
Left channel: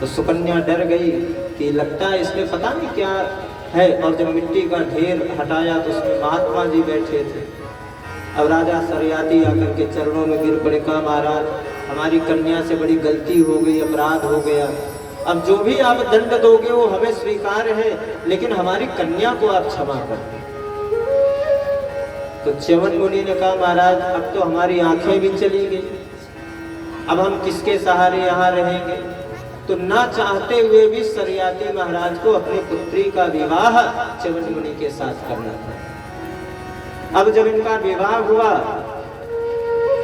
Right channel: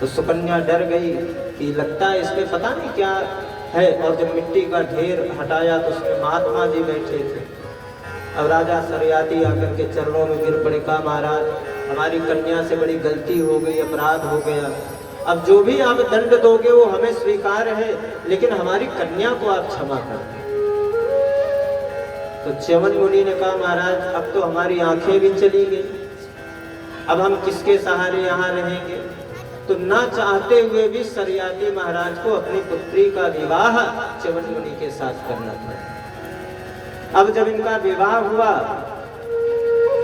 तो सुकन्या डर गई कि लगता है इसमें पता नहीं क्या है, और जब मिट्टी का ढेर हटाया तो उसमें महात्मा जी बैठे थे। अब राजा सरियाती आकर के चरणों में गिर पड़े, कहा महाराज हमारी कन्या से बड़ी गलती हो गई, अपराध हो गया, अब जो भी आप दंड दोगे वो हमें स्वीकार है, लेकिन हमारी कन्या को आप क्षमा कर। तो च्यवन मुनि ने कहा महाराज अब तो हमारी आंखें भी चली गई, अब हम किसके सहारे यहाँ रहेंगे। तो ना चाहते हुए भी सरियाती महाराज को अपनी पुत्री का विवाह च्यवन मुनि के साथ करना था। अब जब इनका विवाह हुआ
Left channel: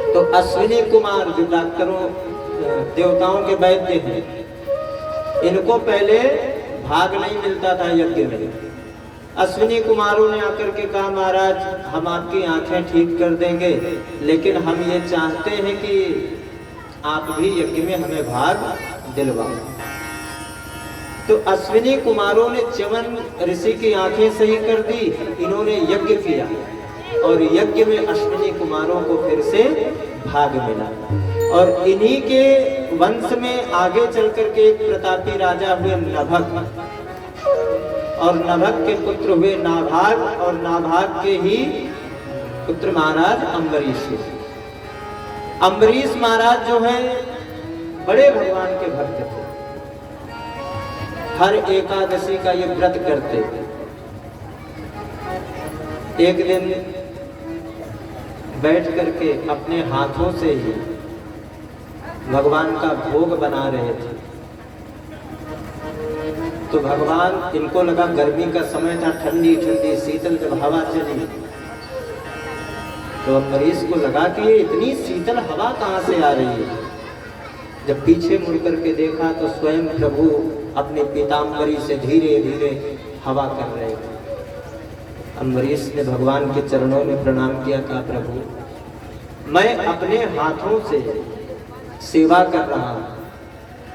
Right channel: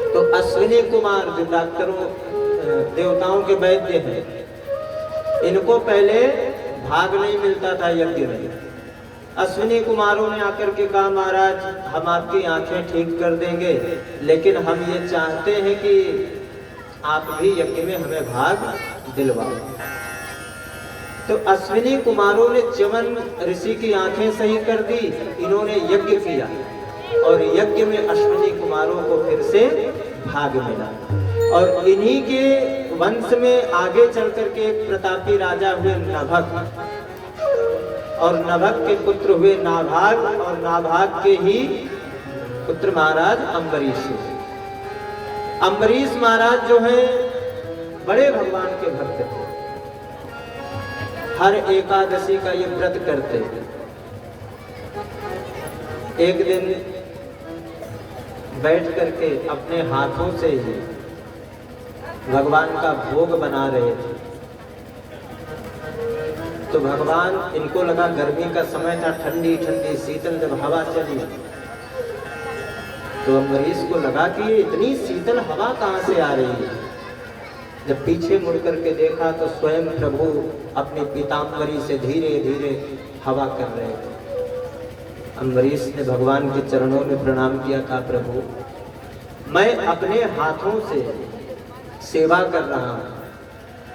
तो अश्विनी कुमार जो डॉक्टरों देवताओं के वैद्य हैं, इनको पहले भाग नहीं मिलता था यज्ञ में। अश्विनी कुमारों ने आकर के कहा महाराज हम आपकी आंखें ठीक कर देंगे, लेकिन हम ये चाहते हैं कि आप भी यज्ञ में हमें भाग दिलवाओ। तो अश्विनी कुमारों ने च्यवन ऋषि की आंखें सही कर दी, इन्होंने यज्ञ किया और यज्ञ में अश्विनी कुमारों को फिर से भाग मिला। और इन्हीं के वंश में आगे चल करके एक प्रतापी राजा हुए नभक, और नभक के पुत्र हुए नाभाग, और नाभाग के ही पुत्र महाराज अम्बरीश। अम्बरीश महाराज जो है बड़े भगवान के भक्त थे। हर एकादशी का ये व्रत करते। एक दिन बैठ करके अपने हाथों से ही भगवान का भोग बना रहे थे। तो भगवान, इनको लगा गर्मी का समय था, ठंडी ठंडी शीतल जब हवा चली तो अम्बरीश को लगा कि ये इतनी शीतल हवा कहाँ से आ रही है। जब पीछे मुड़ करके देखा तो स्वयं प्रभु अपने पीताम्बरी से धीरे धीरे हवा कर रहे थे। अम्बरीश ने भगवान के चरणों में प्रणाम किया, कहा प्रभु मैं अपने हाथों से सेवा कर रहा हूं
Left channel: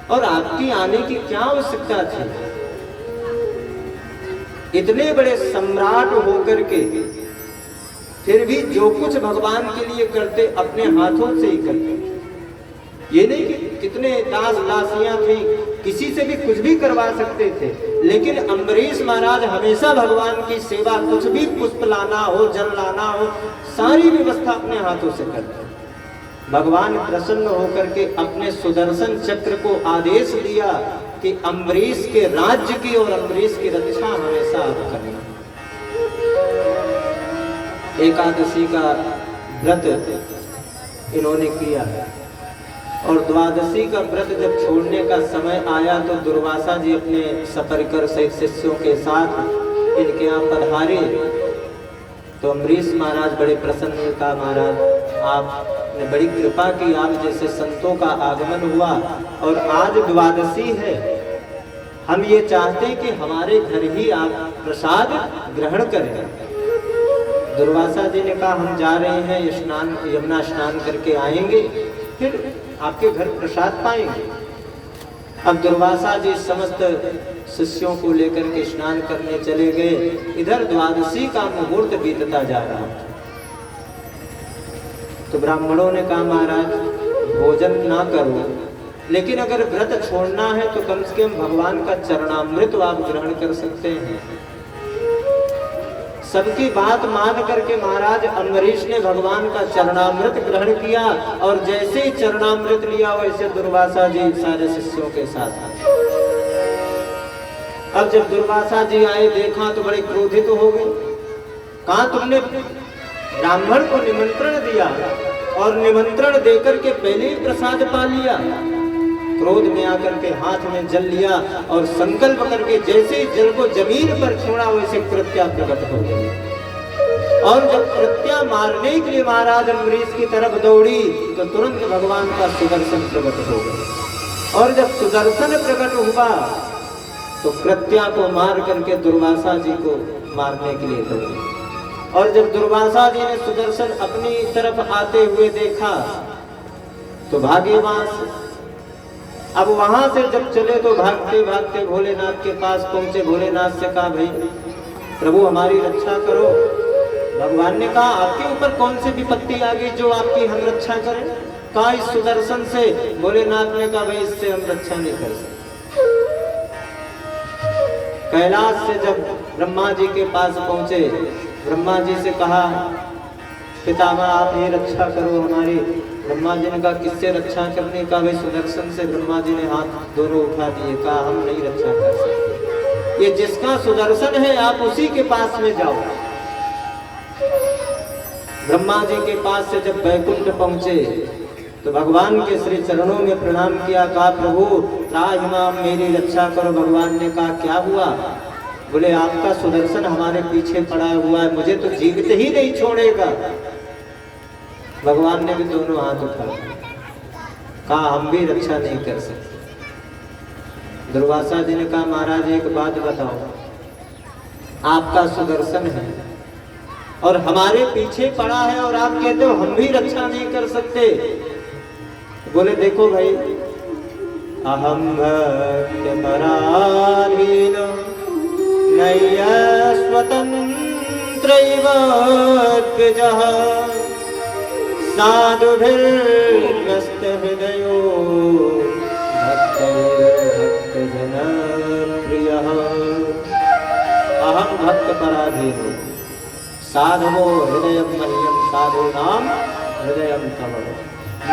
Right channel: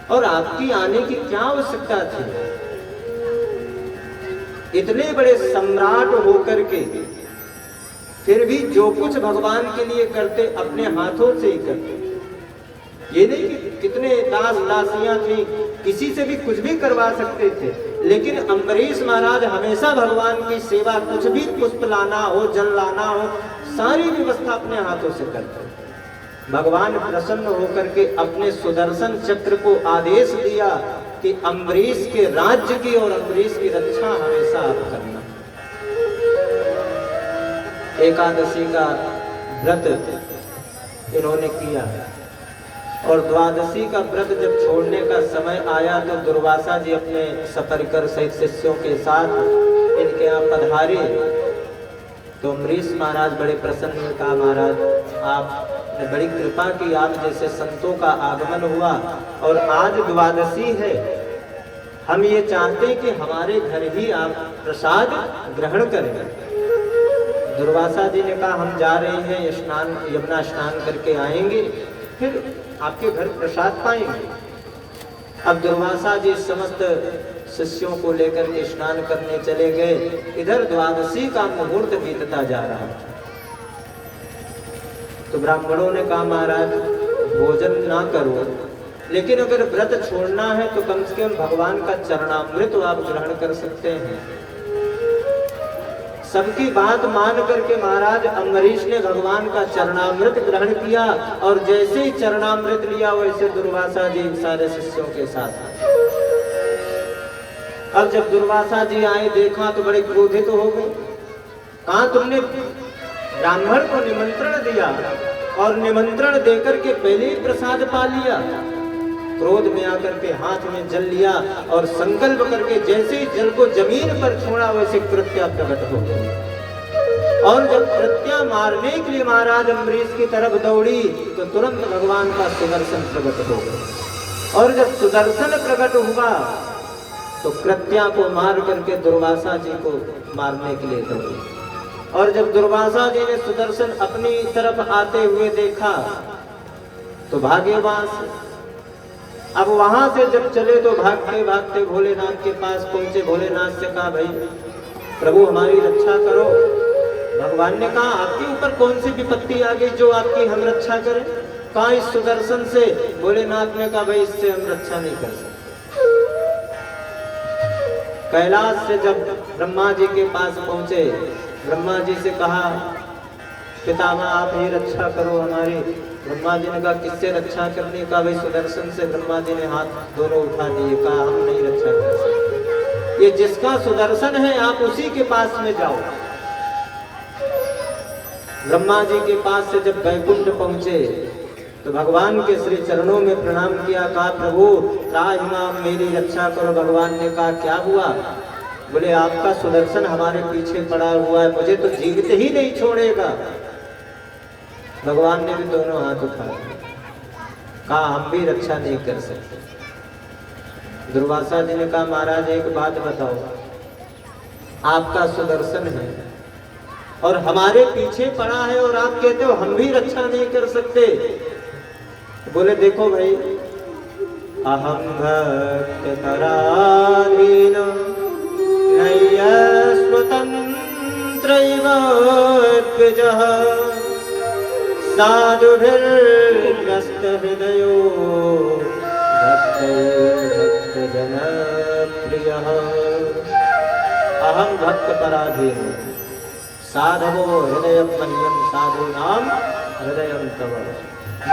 और आपकी आने की क्या आवश्यकता थी। इतने बड़े सम्राट होकर के फिर भी जो कुछ भगवान के लिए करते अपने हाथों से ही करते। ये नहीं कि कितने दास दासियां थी, किसी से भी कुछ भी करवा सकते थे, लेकिन अम्बरीश महाराज हमेशा भगवान की सेवा, कुछ भी पुष्प लाना हो, जल लाना हो, सारी व्यवस्था अपने हाथों से करते। भगवान प्रसन्न होकर के अपने सुदर्शन चक्र को आदेश दिया कि अम्बरीश के राज्य की और अम्बरीश की रक्षा हमेशा आप करना। एकादशी का व्रत इन्होंने किया और द्वादशी का व्रत जब छोड़ने का समय आया तो दुर्वासा जी अपने सफरकर सहित शिष्यों के साथ इनके यहाँ पधारे। तो अम्बरीश महाराज बड़े प्रसन्न, का महाराज आपने बड़ी कृपा की, आप जैसे संतों का आगमन हुआ और आज द्वादशी है, हम ये चाहते हैं कि हमारे घर ही आप प्रसाद ग्रहण करें। दुर्वासा जी ने कहा हम जा रहे हैं, स्नान यमुना स्नान करके आएंगे, फिर आपके घर प्रसाद पाएंगे। अब दुर्वासा जी समस्त शिष्यों को लेकर के स्नान करने चले गए। इधर द्वादशी का मुहूर्त बीतता जा रहा था। तो ब्राह्मणों ने कहा महाराज भोजन ना करो, लेकिन अगर व्रत छोड़ना है तो कम से कम भगवान का चरणामृत आप ग्रहण कर सकते हैं। सबकी बात मान करके महाराज अम्बरीश ने भगवान का चरणामृत ग्रहण किया और जैसे ही चरणामृत लिया वैसे दुर्वासा जी सारे शिष्यों के साथ आए। अब जब दुर्वासा जी आए, देखा तो बड़े क्रोधित हो गए। कहा तुमने ब्राह्मण को निमंत्रण दिया और निमंत्रण देकर के पहले ही प्रसाद पा लिया। क्रोध में आकर के हाथ में जल लिया और संकल्प करके जैसे ही जल को जमीन पर छोड़ा वैसे कृत्या प्रकट हो गई। और जब कृत्या मारने के लिए महाराज अम्बरीश की तरफ दौड़ी तो तुरंत भगवान का सुदर्शन प्रकट हो गया। और जब सुदर्शन प्रकट हुआ तो कृत्या को मार करके दुर्वासा जी को मारने के लिए दौड़ी। और जब दुर्वासा जी ने सुदर्शन अपनी तरफ आते हुए देखा तो भागे वहां से। अब वहां से जब चले तो भागते भागते भोलेनाथ के पास पहुंचे। भोलेनाथ से कहा भाई प्रभु हमारी रक्षा करो। भगवान ने कहा आपके ऊपर कौन सी विपत्ति आ गई जो आपकी हम रक्षा करें। कहा इस सुदर्शन से। भोलेनाथ ने कहा भाई इससे हम रक्षा नहीं कर सकते। कैलाश से जब ब्रह्मा जी के पास पहुंचे, ब्रह्मा जी से कहा पितामह आप ये रक्षा करो हमारी। ब्रह्मा जी ने कहा किससे रक्षा करने का। भाई सुदर्शन से। ब्रह्मा जी ने हाथ दोनों उठा दिए, कहा हम नहीं रक्षा कर सकते, ये जिसका सुदर्शन है आप उसी के पास में जाओ। ब्रह्मा जी के पास से जब वैकुंठ पहुंचे तो भगवान के श्री चरणों में प्रणाम किया। कहा प्रभु त्राहिमाम मेरी रक्षा करो। भगवान ने कहा क्या हुआ। बोले आपका सुदर्शन हमारे पीछे पड़ा हुआ है, मुझे तो जीवित ही नहीं छोड़ेगा। भगवान ने भी दोनों हाथ उठाए, कहा हम भी रक्षा नहीं कर सकते। दुर्वासा जी ने कहा महाराज एक बात बताओ, आपका सुदर्शन है और हमारे पीछे पड़ा है और आप कहते हो हम भी रक्षा नहीं कर सकते। बोले देखो भाई अहम भक्त पराधीन नय्य स्वतंत्रैव द्विजः साधुभिर्ग्रस्त हृदयो भक्तजनप्रियः। अहम भक्त पराधीन साधवो हृदयं मह्यं साधूनां हृदयं तव।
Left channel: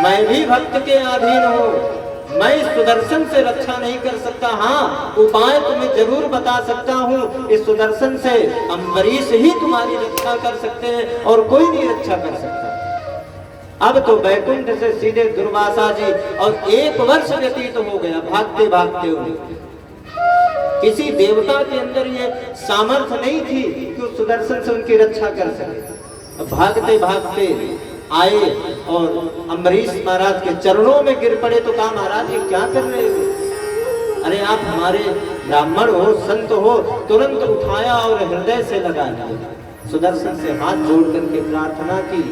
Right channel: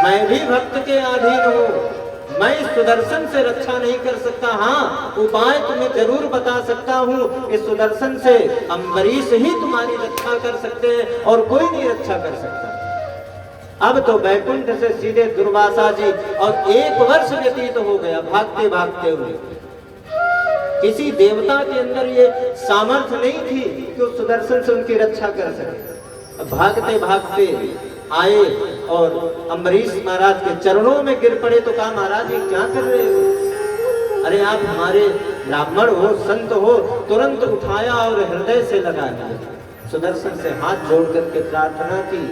मैं भी भक्त के अधीन हूँ, मैं इस सुदर्शन से रक्षा नहीं कर सकता। हाँ, उपाय तुम्हें जरूर बता सकता हूँ। इस सुदर्शन से अम्बरीश ही तुम्हारी रक्षा कर सकते हैं और कोई नहीं रक्षा कर सकता। अब तो बैकुंठ से सीधे दुर्वासा जी, और 1 वर्ष व्यतीत हो गया भागते भागते उन्हें। किसी देवता के अंदर ये सामर्थ्य नहीं थी कि उस सुदर्शन से उनकी रक्षा कर सके। भागते भागते आए और अम्बरीश महाराज के चरणों में गिर पड़े। तो कहा, महाराज ये क्या कर रहे हो? अरे आप हमारे ब्राह्मण हो, संत हो। तुरंत उठाया और हृदय से लगा लिया। सुदर्शन से हाथ जोड़ करके प्रार्थना की।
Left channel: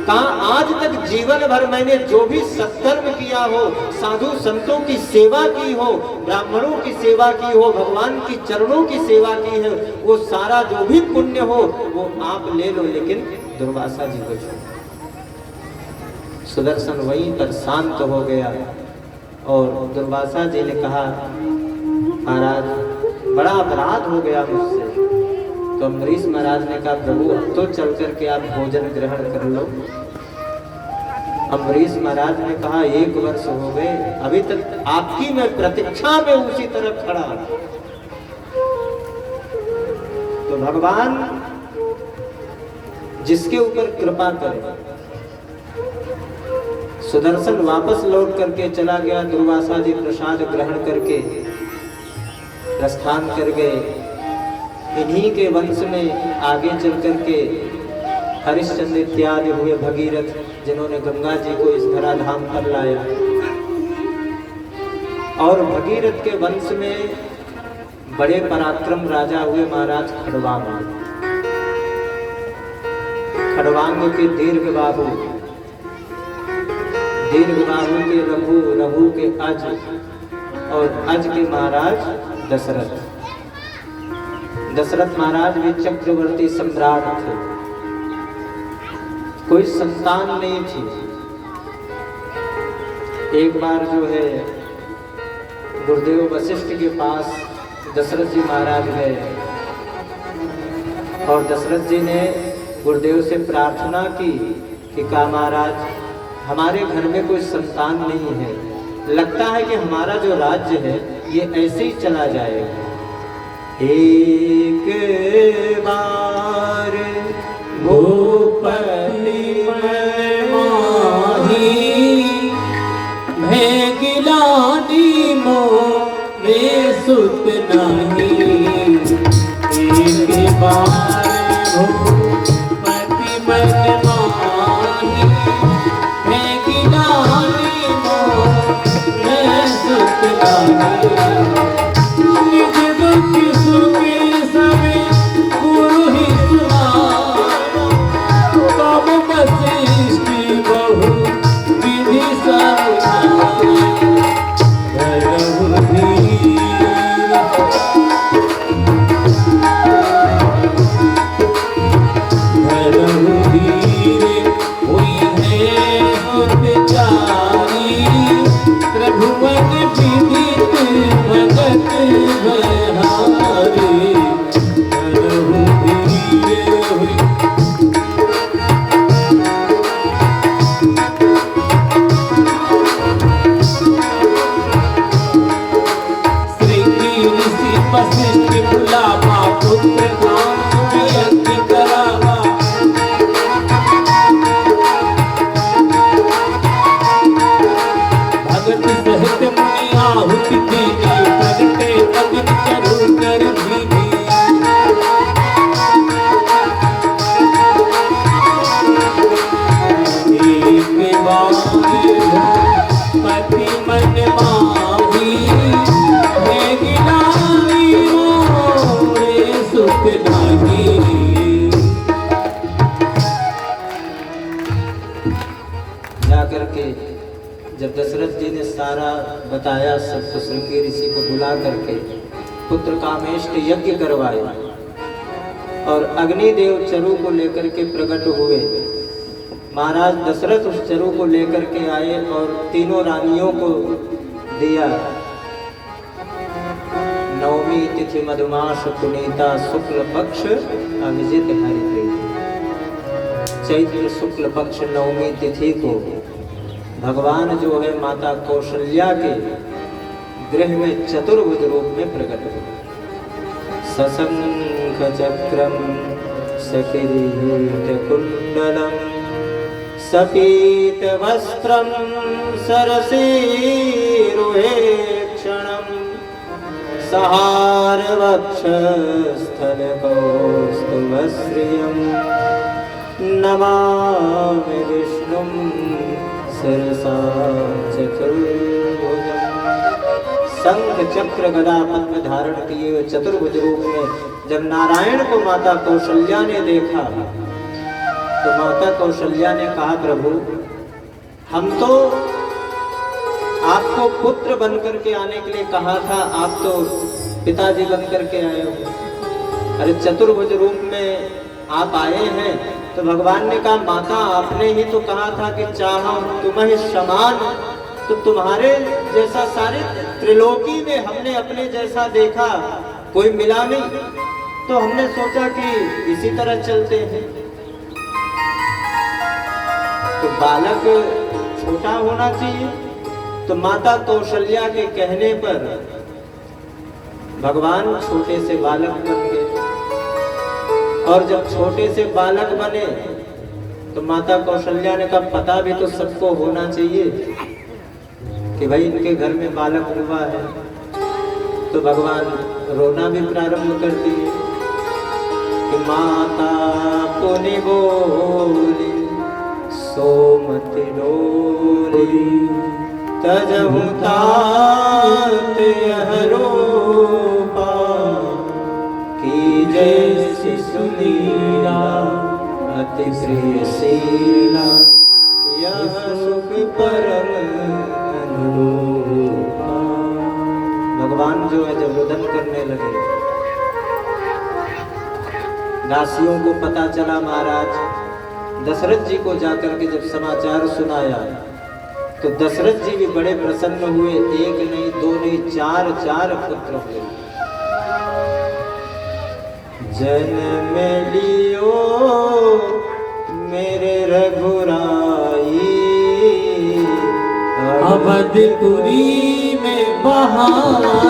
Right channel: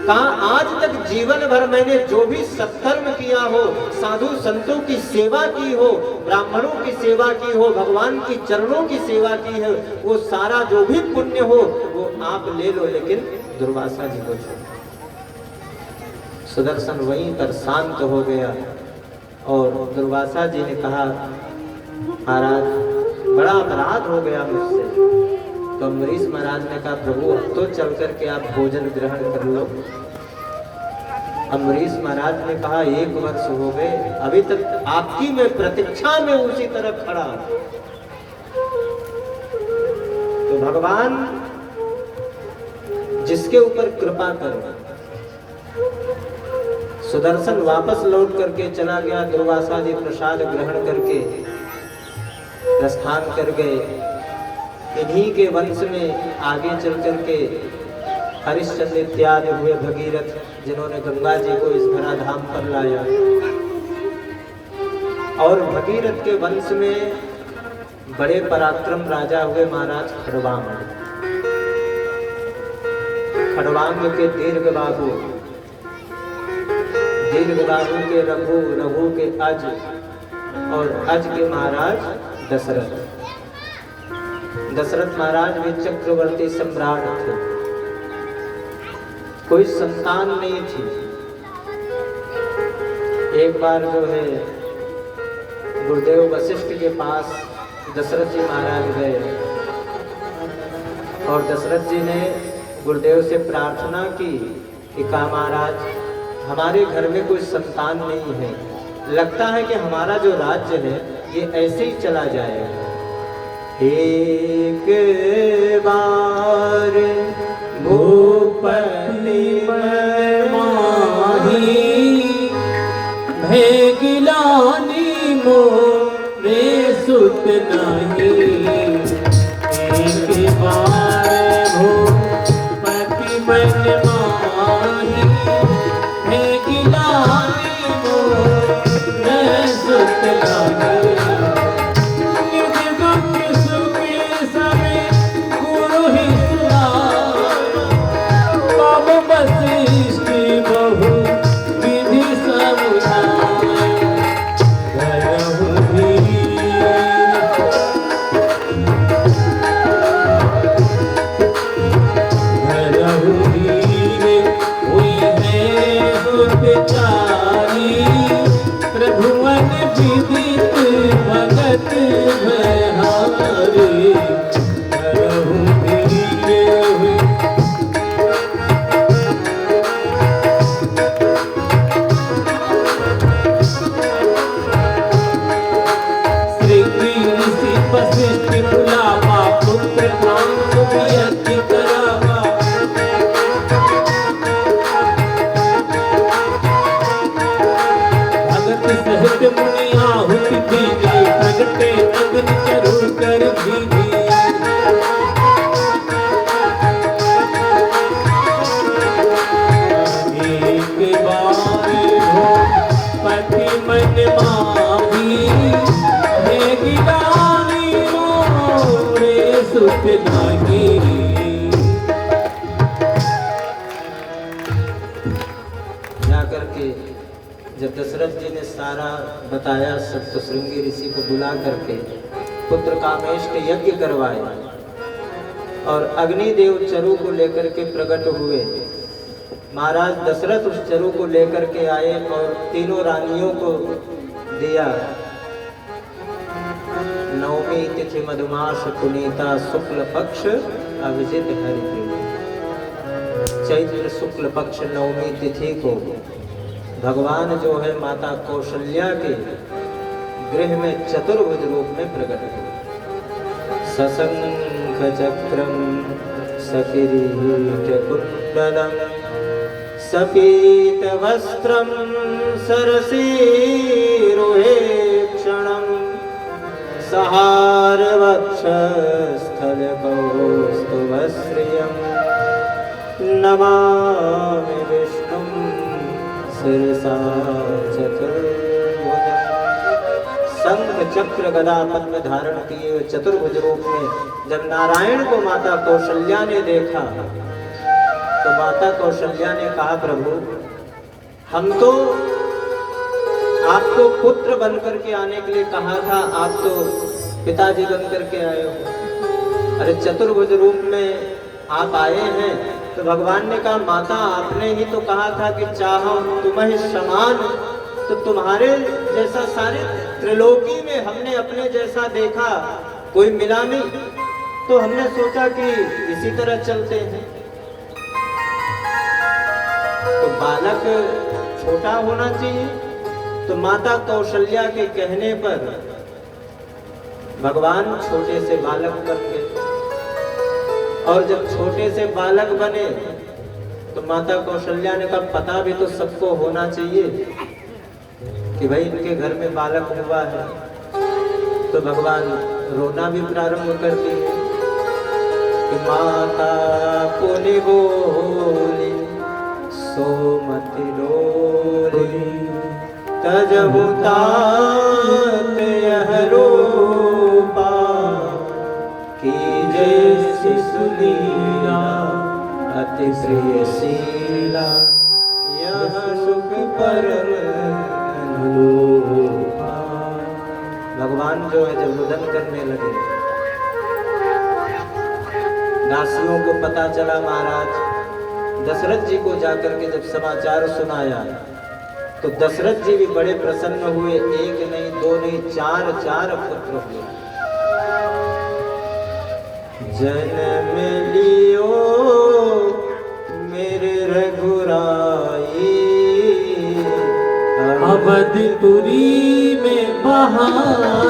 कहा, आज तक जीवन भर मैंने जो भी सत्कर्म किया हो, साधु संतों की सेवा की हो, ब्राह्मणों की सेवा की हो, भगवान की चरणों की सेवा की है, वो सारा जो भी पुण्य हो वो आप ले लो, लेकिन दुर्वासा जी को छोड़ो। सुदर्शन वहीं पर शांत हो गया और दुर्वासा जी ने कहा, महाराज बड़ा अपराध हो गया मुझसे। तो अम्बरीश महाराज ने कहा, प्रभु अब तो चल करके आप भोजन ग्रहण कर लो। अम्बरीश महाराज ने कहा, 1 वर्ष हो गए, अभी तक आपकी मैं प्रतीक्षा में उसी तरह खड़ा हूं। तो भगवान जिसके ऊपर कृपा करे। सुदर्शन वापस लौट करके चला गया। दुर्वासा जी प्रसाद ग्रहण करके प्रस्थान कर गए। इन्हीं के वंश में आगे चल करके हरिश्चंद्र इत्यादि हुए भगीरथ, जिन्होंने गंगा जी को इस धराधाम पर लाया। और भगीरथ के वंश में बड़े पराक्रम राजा हुए महाराज खड़वांग। खड़वांग के दीर्घबाहु, दीर्घबाहु के रघु, रघु के अज, और अज के महाराज दशरथ। दशरथ महाराज भी चक्रवर्ती सम्राट थे। कोई संतान नहीं थी। एक बार जो है गुरुदेव वशिष्ठ के पास दशरथ जी महाराज गए और दशरथ जी ने गुरुदेव से प्रार्थना की कि कहा, महाराज हमारे घर में कोई संतान नहीं है, लगता है कि हमारा जो राज्य है ये ऐसे ही चला जाएगा। एक बार भूपति माही भेगिलानी मोरे सुत नहीं। एक बार भूपति माही भेगिलानी मोरे सुत नहीं। जाकर के जब दशरथ जी ने सारा बताया, सप्तशृंगी ऋषि को बुला करके पुत्र कामेष्ट यज्ञ करवाया और अग्निदेव चरु को लेकर के प्रकट हुए। महाराज दशरथ उस चरु को लेकर के आए और तीनों रानियों को दिया। नवमी तिथि मधुमास पुनीता शुक्ल पक्ष अभिजित हरिप्रीति। चैत्र शुक्ल पक्ष नवमी तिथि को भगवान जो है माता कौशल्या के गृह में चतुर्भुज रूप में प्रकट हुए। सशंख चक्रम सकिरीटकुंडलम सपीत वस्त्रम सरसीरुहेक्षणम सहार वक्षस्थल कौस्तुभश्रियम नमामि विष्णुं शिरसा चतुर्भुजम्। शंख चक्र गदा पद्म धारण किए चतुर्भुज रूप में जब नारायण को माता कौशल्या ने देखा तो माता कौशल्या ने कहा, प्रभु हम तो आपको पुत्र बनकर के आने के लिए कहा था, आप तो पिताजी बनकर के आए हो। अरे चतुर्भुज रूप में आप आए हैं तो भगवान ने कहा, माता आपने ही तो कहा था कि चाहो तुम्हें समान, तो तुम्हारे जैसा सारे त्रिलोकी में हमने अपने जैसा देखा, कोई मिला नहीं, तो हमने सोचा कि इसी तरह चलते हैं। तो बालक छोटा होना चाहिए। तो माता कौशल्या के कहने पर भगवान छोटे से बालक बन गए। और जब छोटे से बालक बने तो माता कौशल्या ने कहा, पता भी तो सबको होना चाहिए कि भाई इनके घर में बालक हुआ है। तो भगवान रोना भी प्रारंभ कर दिए कि माता पुनि बोली सोमति डोली तजहु तात यह रूपा की जैसी सुनीला अति प्रिय शीला यह सुख परम अनुरूपा। भगवान जो है जब रुदन करने लगे, दासियों को पता चला, महाराज दशरथ जी को जाकर के जब समाचार सुनाया तो दशरथ जी भी बड़े प्रसन्न हुए। एक नहीं, दो नहीं, चार पुत्र हुए। जन्म लियो मेरे रघुराई अवधपुरी में बहार